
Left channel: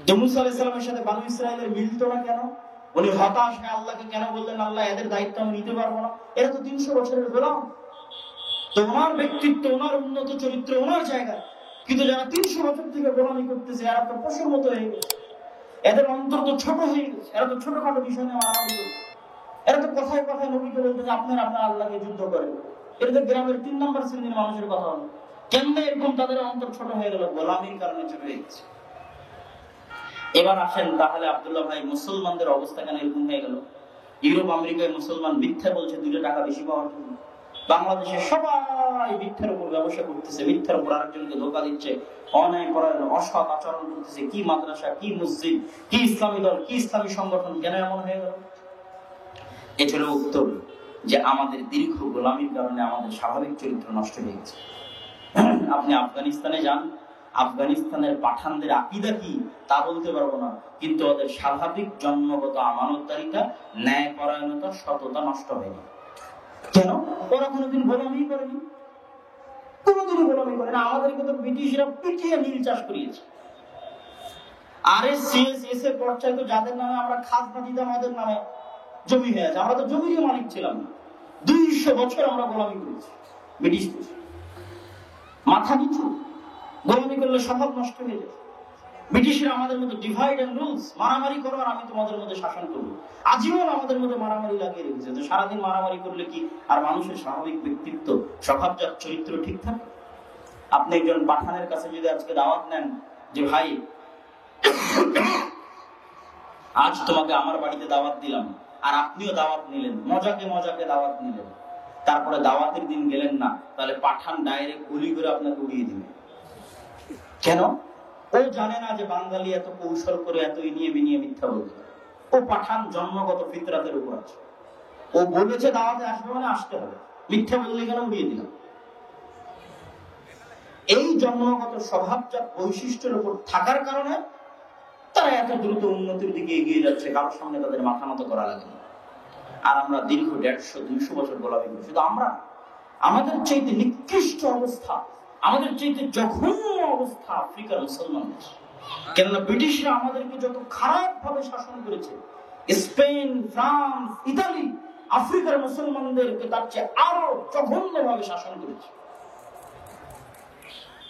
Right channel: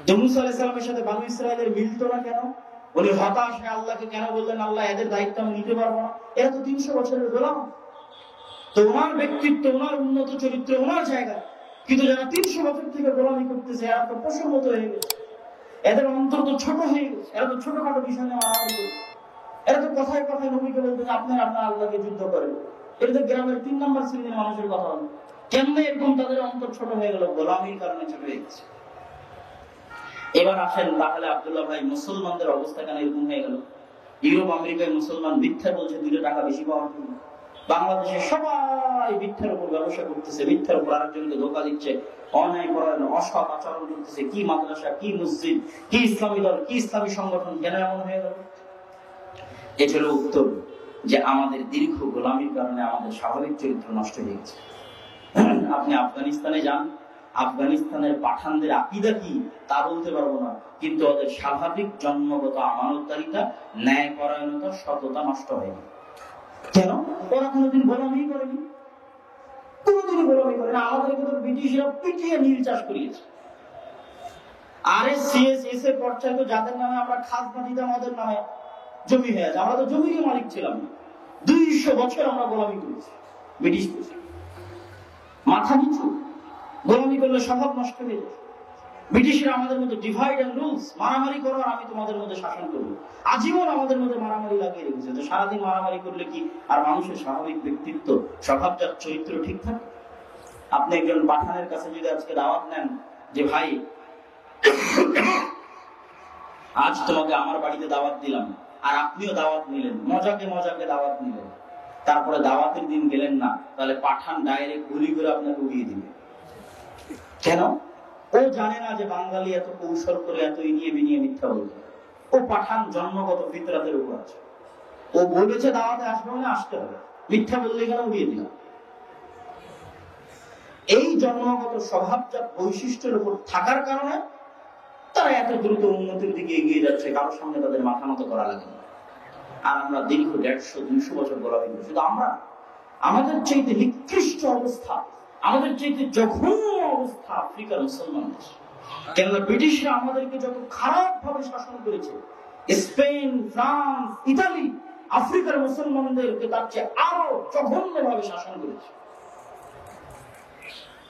তো মুসা আলাইহিস সালামের সাথে বানু ইসরাইলের মিলিত না কেন? উনি হতাশ হয়ে আল্লাহকে কেন বললেন, আল্লাহ এদের দায়িত্ব আমি নিতে পারবো না? এরা তো 300 বছরের গোলাম। তো ওনার ব্যক্তিত্ব, ওনার উন্নত চরিত্র, ওনার জায়গা, কিন্তু যারা 300 বছর থেকে গোলামি করতেছে এরা তো পশুর মতো হয়ে গেছে, এদের অন্তর তো ছোট হয়ে গেছে, এরা তো ছোটখাটো বিষয় নিয়ে মারামারি করছে। এরা তো কথায় কথায় নবীকে বলতেছে আপনার আল্লাহকে যুদ্ধ করেন। এটা তো গ্রামের 3 নম্বর শ্রেণীর মানুষের কথা হলো। কেমনে এরকম তাদের অন্তর ছোট হয়ে গেল? গোলামির কারণে ছোট হয়ে গেছে। এবার আসেন তাহলে আব্দুল্লাহ ভাই, মুসলমানদের অবস্থা কেন এরকম হয়ে গেল? ইউরোপ আমেরিকায় মুসলমান মিথ্যা বলছে 2 টাকা বেশি পাওয়ার জন্য। বাংলাদেশে সবাই মিথ্যার উপর ব্যবসা করতেছে, মিথ্যার উপর আরেকজনকে ধোঁকা দিচ্ছে, অন্যায় করার অসৎ আচরণ করতেছে। কি মাদ্রাসা, কি মসজিদ, কি ইসলামী দল, কি ইসলামী সংগঠন, কেন এমন হয়ে গেল? এটা হলো উত্তর, যে আমাদের দীর্ঘ গোলামির কারণে আমাদের স্বাভাবিক চরিত্র নষ্ট হয়ে গেছে। আপনি আফগানিস্তানে যান, আফগানিস্তানের পাঠানদের আকীদা কি তা বলতে পারবো না, কিন্তু ওদের স্বাভাবিক জন্মগত আমানতদারিতা, ন্যায়পরায়ণতা, সততা নষ্ট হয়ে গেল। কেন? ওরা কোনোদিন গোলামি করেনি, কোনোদিনই গোলামি করে না। আমাদেরকে তো ব্রিটিশরা পিটিয়ে নীল চাষ করিয়েছে। RSCS এর পর্যায়ে তো যাদের নামে আমরা খাজনা দিতাম, আমাদের নামে জমি হয়ে আছে। আমরা তো জমির মালিক ছিলাম। 200 বছর আমরা গোলামি করেছি ব্রিটিশ। মাথা নিচু, গোলামি করলে স্বভাব নষ্ট হয়ে যাবে। ব্রিটিশরা আমাদের মধ্যে ডিভাইড এন্ড রুলস, মারামারি করো আর আমি তোমাদের মধ্যে শাসন করবো, আজীবন আমাদের মধ্যে মারামারি লাগিয়ে রেখেছে। তো সারাদিন মারামারি করলে কি আর মানুষের স্বাভাবিক ব্যক্তিত্ব, স্বভাবজাত চরিত্র ঠিক থাকে? আপনি একজন পাঠানের কাছে যদি আজকে দাওয়াত নেন যে ভাই আজ তোমাকে আমার বাড়িতে দাওয়াত দিলাম, আর আপনিও দাওয়াত নিলেন, মজাকে মজাকে দাওয়াত নিলেন, তারপরে দাওয়াতের দিন গেলেন না, তাহলে পাঠান ডাইরেক্ট গুলি করে আপনাকে উড়িয়ে দিবে। কেন? ও জানে না যে বাঙালি এত কৌশল করে এত এগিয়ে বিনিয়ে মিথ্যা বলছে। ও পাঠান জন্মগত ফিতরাতের উপর আছে। ও বলেছে দাওয়াতে আসবে মানে আসতে হবে, মিথ্যা বললে কেন উড়িয়ে দিলাম। এই জন্মগত স্বভাবজাত বৈশিষ্ট্যের উপর থাকার কারণে তারা এত দ্রুত উন্নতির দিকে এগিয়ে যাচ্ছে, কারোর সঙ্গে তাদের মাথা মতো করা লাগে না। আর আমরা দীর্ঘ 150-200 বছর গোলামি করি। শুধু আমরা, আমাদের চাইতে নিকৃষ্ট অবস্থা, আমাদের চাইতে জঘন্য অবস্থা আফ্রিকার মুসলমানদের। কেননা ব্রিটিশরা আমাদেরকে যত খারাপ ভাবে শাসন করেছে, স্পেন, ফ্রান্স, ইতালি আফ্রিকার মুসলমানদেরকে তার চেয়ে আরো জঘন্য ভাবে শাসন করেছে।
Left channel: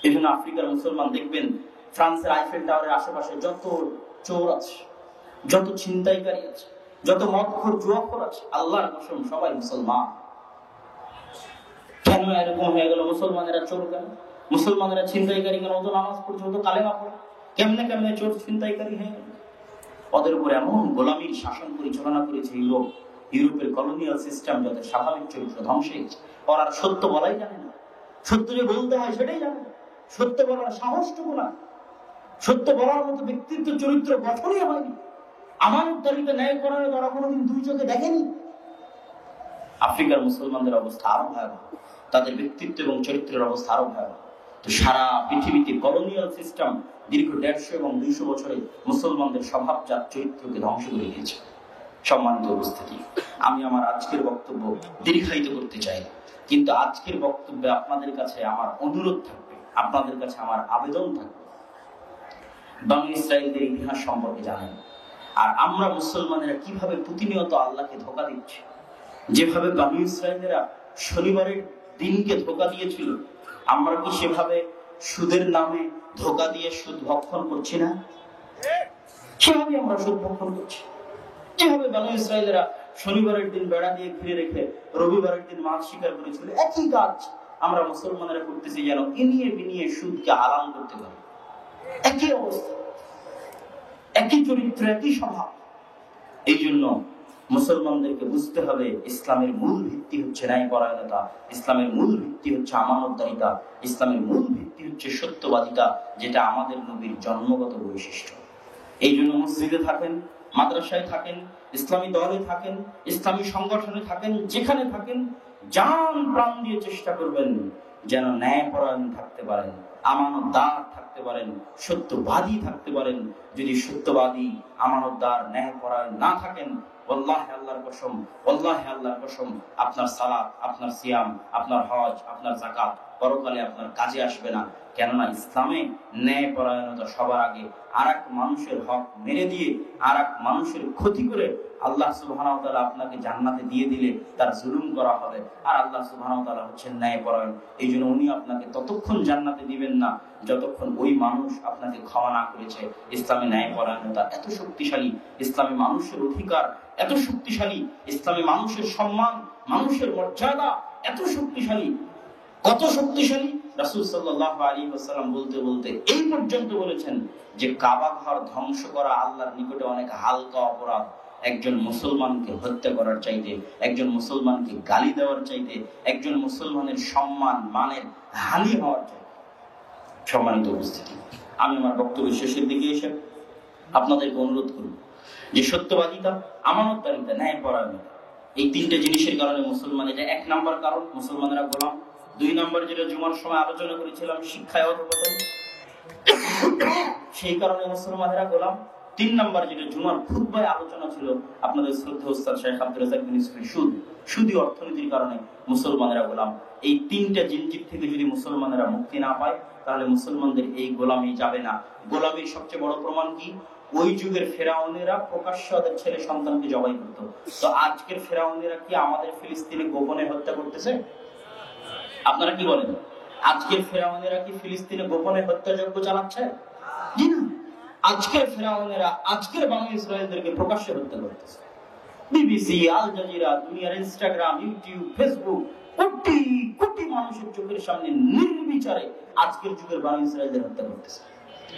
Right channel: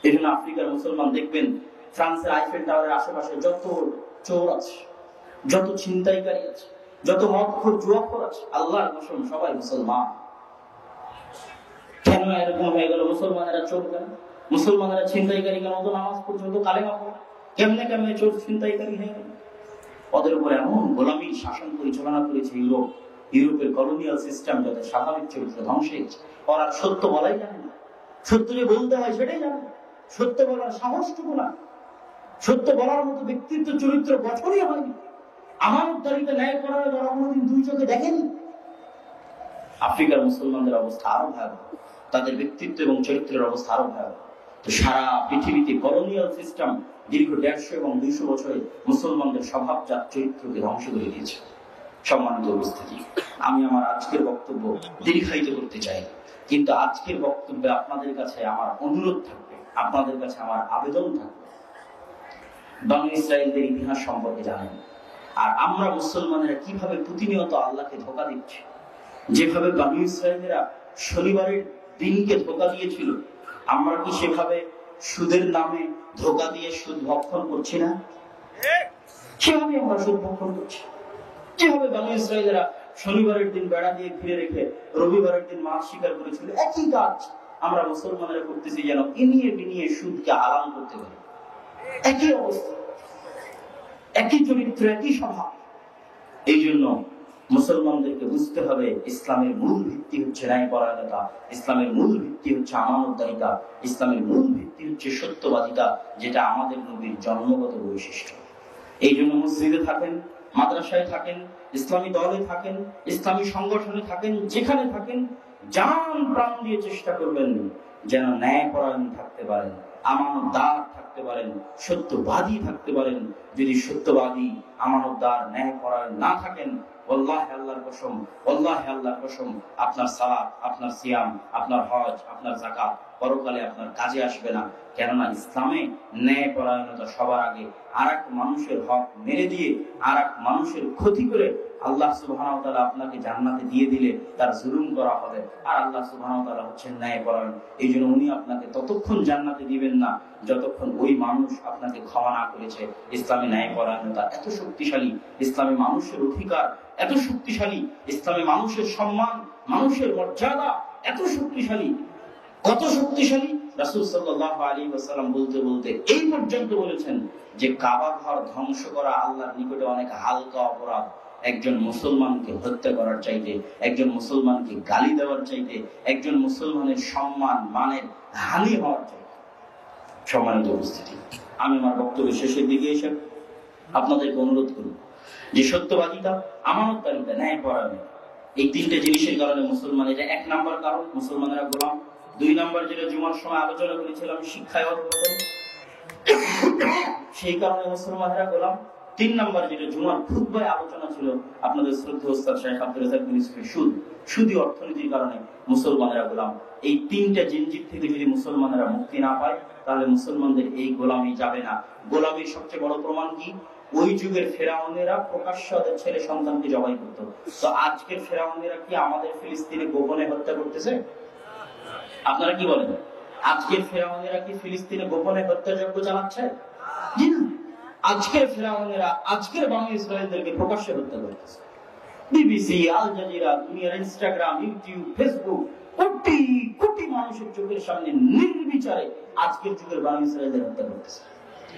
এই জন্য আফ্রিকার মুসলমান দেখবেন ফ্রান্সের আইফেল টাওয়ারের আশেপাশে যত চোর আছে, যত ছিনতাইকারী আছে, যত মদখোর জুয়াখোর আছে, আল্লাহর কসম সবাই মুসলমান। কেন এরকম হয়ে গেল? মুসলমানেরা চোর কেন? মুসলমানেরা ছিনতাইকারী কেন? তো নামাজ পর্যন্ত কালেমা পড়ে, কেমনে কেমনে চোর ছিনতাইকারী হয়ে গেল? ওদের উপর এমন গোলামী শাসন পরিচালনা করেছে ইউরোপের কলোনিয়াল সিস্টেম, যাদের স্বাভাবিক চরিত্র ধ্বংস হয়েছে। ওরা সত্য বলাই জানে না, সত্য যে বলতে হয় সেটাই জানে না, সত্য বলার সাহসটুকু না, সত্য বলার মতো ব্যক্তিত্ব চরিত্র গঠনই হয়নি। আমানতদারিতে ন্যায় করার ওরা কোনোদিন 2 চোখে দেখেনি। আফ্রিকার মুসলমানদের অবস্থা আরো ভয়াবহ, তাদের ব্যক্তিত্ব এবং চরিত্রের অবস্থা আরো ভয়াবহ। তো সারা পৃথিবীতে কলোনিয়াল সিস্টেম দীর্ঘ 150 এবং 200 বছরে মুসলমানদের স্বভাবজাত চরিত্রকে ধ্বংস করে দিয়েছে। সম্মানিত উপস্থিতি, আমি আমার আজকের বক্তব্য দীর্ঘায়িত করতে চাই, কিন্তু আজকের বক্তব্যে আপনাদের কাছে আমার অনুরোধ থাকবে, আপনাদের কাছে আমার আবেদন থাকবে, বনী ইসরাইলদের ইতিহাস সম্পর্কে জানেন। আর আমরা মুসলমানেরা কিভাবে প্রতিনিয়ত আল্লাহকে ধোঁকা দিচ্ছি। যেভাবে বনী ইসরাইলেরা শনিবারের দিনকে ধোঁকা দিয়েছিল, আমরা কি সেভাবে সুদের নামে ধোঁকা দিয়ে সুদ ভক্ষণ করছি না? সেভাবে আমরা সুদ ভক্ষণ করছি। যেভাবে বনী ইসরাইলেরা শনিবারের দিন বেড়া দিয়ে ঘিরে রেখে রবিবারের দিন মাছ শিকার করেছিল, একই কাজ আমরা মুসলমানেরা করতেছি, যেন ইনিয়ে বিনিয়ে সুদকে হারাম করতে পারি। একই অবস্থা, একই চরিত্র, একই স্বভাব। এই জন্য মুসলমানদেরকে বুঝতে হবে, ইসলামের মূল ভিত্তি হচ্ছে ন্যায়পরায়ণতা, ইসলামের মূল ভিত্তি হচ্ছে আমানতদারিতা, ইসলামের মূল ভিত্তি হচ্ছে সত্যবাদিতা, যেটা আমাদের নবীর জন্মগত বৈশিষ্ট্য। এই জন্য মসজিদে থাকেন, মাদ্রাসায় থাকেন, ইসলামী দলে থাকেন, ইসলামী সংগঠনে থাকেন, যেখানে থাকেন, জান প্রাণ দিয়ে চেষ্টা করবেন যেন ন্যায়পরায়ণ থাকতে পারেন, আমানতদার থাকতে পারেন, সত্যবাদী থাকতে পারেন। যদি সত্যবাদী, আমানতদার, ন্যায়পরায়ণ না থাকেন, ওয়াল্লাহি আল্লাহর কসম, ওয়াল্লাহি আল্লাহর কসম, আপনার সালাত, আপনার সিয়াম, আপনার হজ, আপনার যাকাত পরকালে আপনার কাজে আসবে না। কেননা ইসলামে ন্যায়পরায়ণতা সবার আগে। আর এক মানুষের হক মেরে দিয়ে, আর এক মানুষের ক্ষতি করে আল্লাহ সুবহানাহু ওয়া তাআলা আপনাকে জান্নাতে দিয়ে দিলে তার জুলুম করা হবে। আর আল্লাহ সুবহানাহু ওয়া তাআলা হচ্ছেন ন্যায়পরায়ণ। এই জন্য উনি আপনাকে ততক্ষণ জান্নাতে দিবেন না যতক্ষণ ওই মানুষ আপনাকে ক্ষমা না করেছে। ইসলামী ন্যায়পরায়ণতা এত শক্তিশালী, ইসলামী মানুষের অধিকার এত শক্তিশালী, ইসলামী মানুষের সম্মান, মানুষের মর্যাদা এত শক্তিশালী। কত শক্তিশালী? রাসূল সাল্লাল্লাহু আলাইহি ওয়াসাল্লাম বলতে বলতে এই পর্যন্ত বলেছেন যে কাবা ঘর ধ্বংস করা আল্লাহর নিকটে অনেক হালকা অপরাধ একজন মুসলমানকে হত্যা করার চাইতে, একজন মুসলমানকে গালি দেওয়ার চাইতে, একজন মুসলমানের সম্মান মানের হানি হওয়ার চাইতে। সম্মানিত উপস্থিতি, আমি আমার বক্তব্য শেষের দিকে এসে আপনাদেরকে অনুরোধ করব যে সত্যবাদিতা, আমানতদারিতা, ন্যায়পরায়ণতা, এই তিনটে জিনিসের কারণে মুসলমানের, এক নাম্বার কারণ মুসলমানেরা গোলাম। দুই নাম্বার যেটা জুমার সময় আলোচনা করেছিলাম, শিক্ষায় অধঃপতন, সেই কারণে মুসলমানেরা গোলাম। তিন নাম্বার যেটা জুমার খুতবায় আলোচনা ছিল আপনাদের শ্রদ্ধেয় ওস্তাদ শেখ আব্দুর রাজ্জাক বিন ইউসুফের, সুদী অর্থনীতির কারণে মুসলমানেরা গোলাম। এই তিনটা জিনজির থেকে যদি মুসলমানেরা মুক্তি না পায় তাহলে মুসলমানদের এই গোলামি যাবে না। গোলামির সবচেয়ে বড় প্রমাণ কি? ওই যুগের ফেরাউনেরা প্রকাশ্য তাদের ছেলে সন্তানকে জবাই করত। তো আজকের ফেরাউনেরা কি আমাদের ফিলিস্তিনে গোপনে হত্যা করতেছে? আপনারা কি বলেন? আজকের ফেরাউনেরা কি ফিলিস্তিনে গোপনে হত্যাযজ্ঞ চালাচ্ছে? জি না। আজকের ফেরাউনেরা আজকের বানু ইসরায়েলদেরকে প্রকাশ্যে হত্যা করতেছে। বিবিসি, আল জাজিরা, দুনিয়ার Instagram, YouTube, Facebook, crore crore মানুষের চোখের সামনে নির্বিচারে আজকের যুগের বানু ইসরায়েলদের হত্যা করতেছে।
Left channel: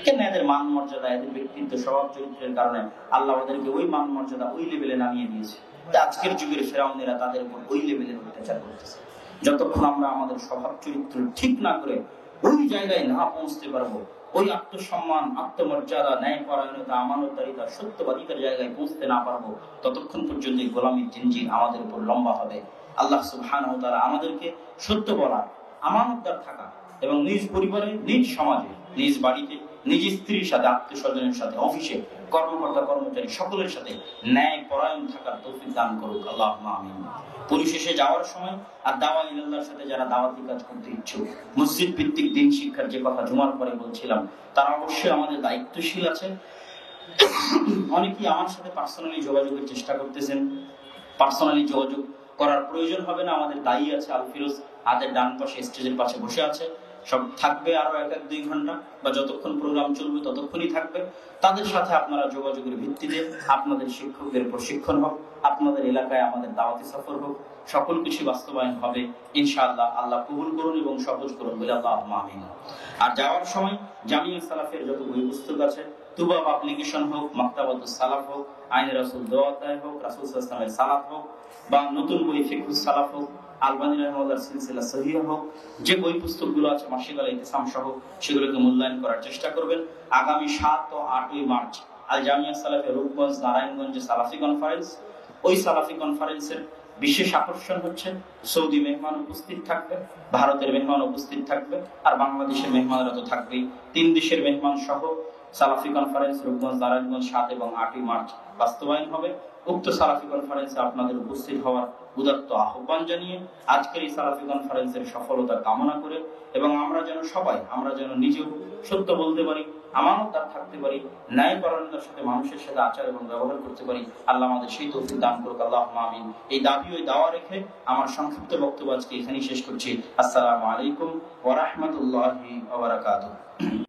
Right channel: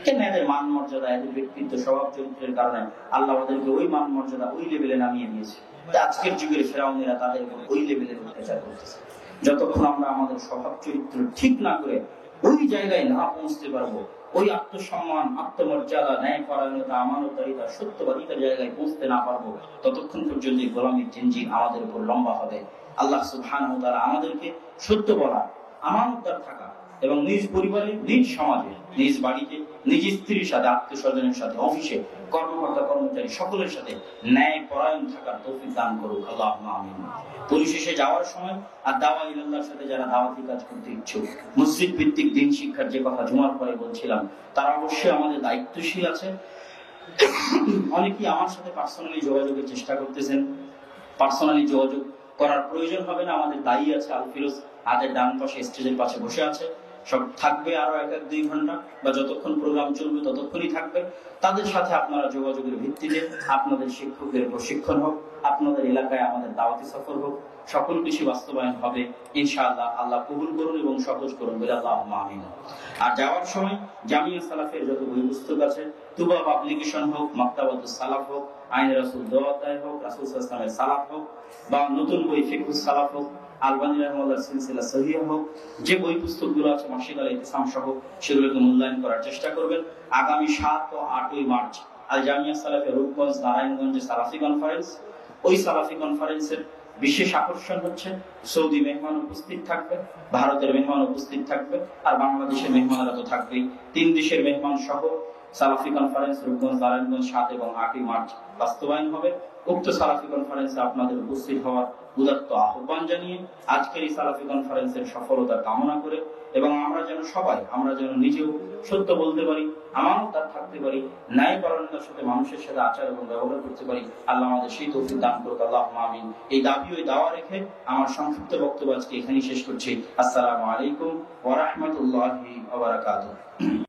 কেন? এদের মান মর্যাদা, এদের ব্যক্তিত্ব, স্বভাব চরিত্রের কারণে আল্লাহ ওদেরকে ওই মান মর্যাদা, ওই লেভেলে নামিয়ে দিয়েছে। আজকের যুগের ফেরাউনেরা তাদের উপর ওই লেভেলে অত্যাচার করতেছে। যতক্ষণ আমরা আমাদের স্বভাব চরিত্র ঠিক না করে ওই জায়গায় না পৌঁছতে পারবো, ওই আত্মসম্মান, আত্মমর্যাদা, ন্যায়পরায়ণতা, আমানতদারিতা, সত্যবাদিতার জায়গায় পৌঁছতে না পারবো, ততক্ষণ পর্যন্ত গোলামীর জিনজির আমাদের উপর লম্বা হবে। আল্লাহ সুবহানাহু ওয়া তাআলা আমাদেরকে সত্য বলা, আমানতদার থাকা এবং নিজ পরিবারে, নিজ সমাজে, নিজ বাড়িতে, নিজ স্ত্রীর সাথে, আত্মীয়স্বজনের সাথে, অফিসে, কর্মকর্তা কর্মচারী সকলের সাথে ন্যায় পরায়ণ থাকার তৌফিক দান করুক, আল্লাহুম্মা আমিন। পরিশেষে যাওয়ার সময় আর দাওয়া ইলাল্লাহর সাথে যারা দাওয়াতি কাজ করতে ইচ্ছুক, মসজিদ ভিত্তিক দিন শিক্ষার যে কথা জুমার পরে বলছিলাম, তারা অবশ্যই আমাদের দায়িত্বশীল আছে। অনেকেই আমার সাথে পার্সোনালি যোগাযোগের চেষ্টা করতেছেন। পার্সোনালি যোগাযোগ করার প্রয়োজন হবে না, আমাদের দায়ী আছে আল ফিরোজ, হাতের ডান পাশে স্টেজের পাশে বসে আছে। সব থাকবে আরো 1-2 ঘন্টা বা যতক্ষণ প্রোগ্রাম চলবে ততক্ষণই থাকবে। তাদের সাথে আপনারা যোগাযোগের ভিত্তিতে আপনাদের শিক্ষকদের প্রশিক্ষণ হোক, আপনাদের এলাকায় আমাদের দাওয়াতি সফর হোক, সকল কিছু বাস্তবায়ন হবে ইনশাআল্লাহ। আল্লাহ কবুল করুন এবং সহজ করুন, আল্লাহুম্মা আমিন। আর যাওয়ার সময় জামিয়া সালাফের যত বই পুস্তক আছে, তুবা পাবলিকেশন হোক, মাকতাবাতুস সালাফ হোক, আইন রাসূল দোয়াতায় হোক, রাসূল সাল্লাল্লাহু আলাইহি ওয়াসাল্লামের সালাফ হোক, বা নতুন বই ফিকহুস সালাফ হোক, আলবানী রাহিমাহুল্লাহর সিলসিলা সহিহ হোক, যে বই পুস্তকগুলো আছে মাসিক আল ইতিসাম সহ, সেগুলোকে মূল্যায়ন করার চেষ্টা করবেন। আগামী 7 ও 8 মার্চ আল জামিয়া সালাফের রূপগঞ্জ নারায়ণগঞ্জে সালাফি কনফারেন্স। ওই সালাফি কনফারেন্সের বিশেষ আকর্ষণ হচ্ছে সৌদি মেহমান উপস্থিত থাকবে, ভারতের মেহমান উপস্থিত থাকবে, আর বাংলাদেশের মেহমানরা তো থাকবেই। 3 দেশের মেহমান সহ সালাফি কনফারেন্স রূপগঞ্জ নারায়ণগঞ্জ 7 এবং 8 মার্চ বাস্তবায়ন হবে। উক্ত সালাফি কনফারেন্সে আপনাদের উপস্থিত হওয়ার উদাত্ত আহ্বান জানিয়ে আজকের এই সালাফি কনফারেন্সের সফলতা কামনা করে এবং আমরা যেন নিজেও সত্য বলতে পারি, আমানতদার থাকতে পারি, ন্যায়পরায়ণতার সাথে মানুষের সাথে আচার এবং ব্যবহার করতে পারি, আল্লাহ আমাদের সেই তৌফিক দান করুক, আল্লাহুম্মা আমিন। এই দাবি ও দাওয়া রেখে আমার সংক্ষিপ্ত বক্তব্য আজকে এখানেই শেষ করছি। আসসালামু আলাইকুম ওয়া রাহমাতুল্লাহি ওয়া বারাকাতুহু।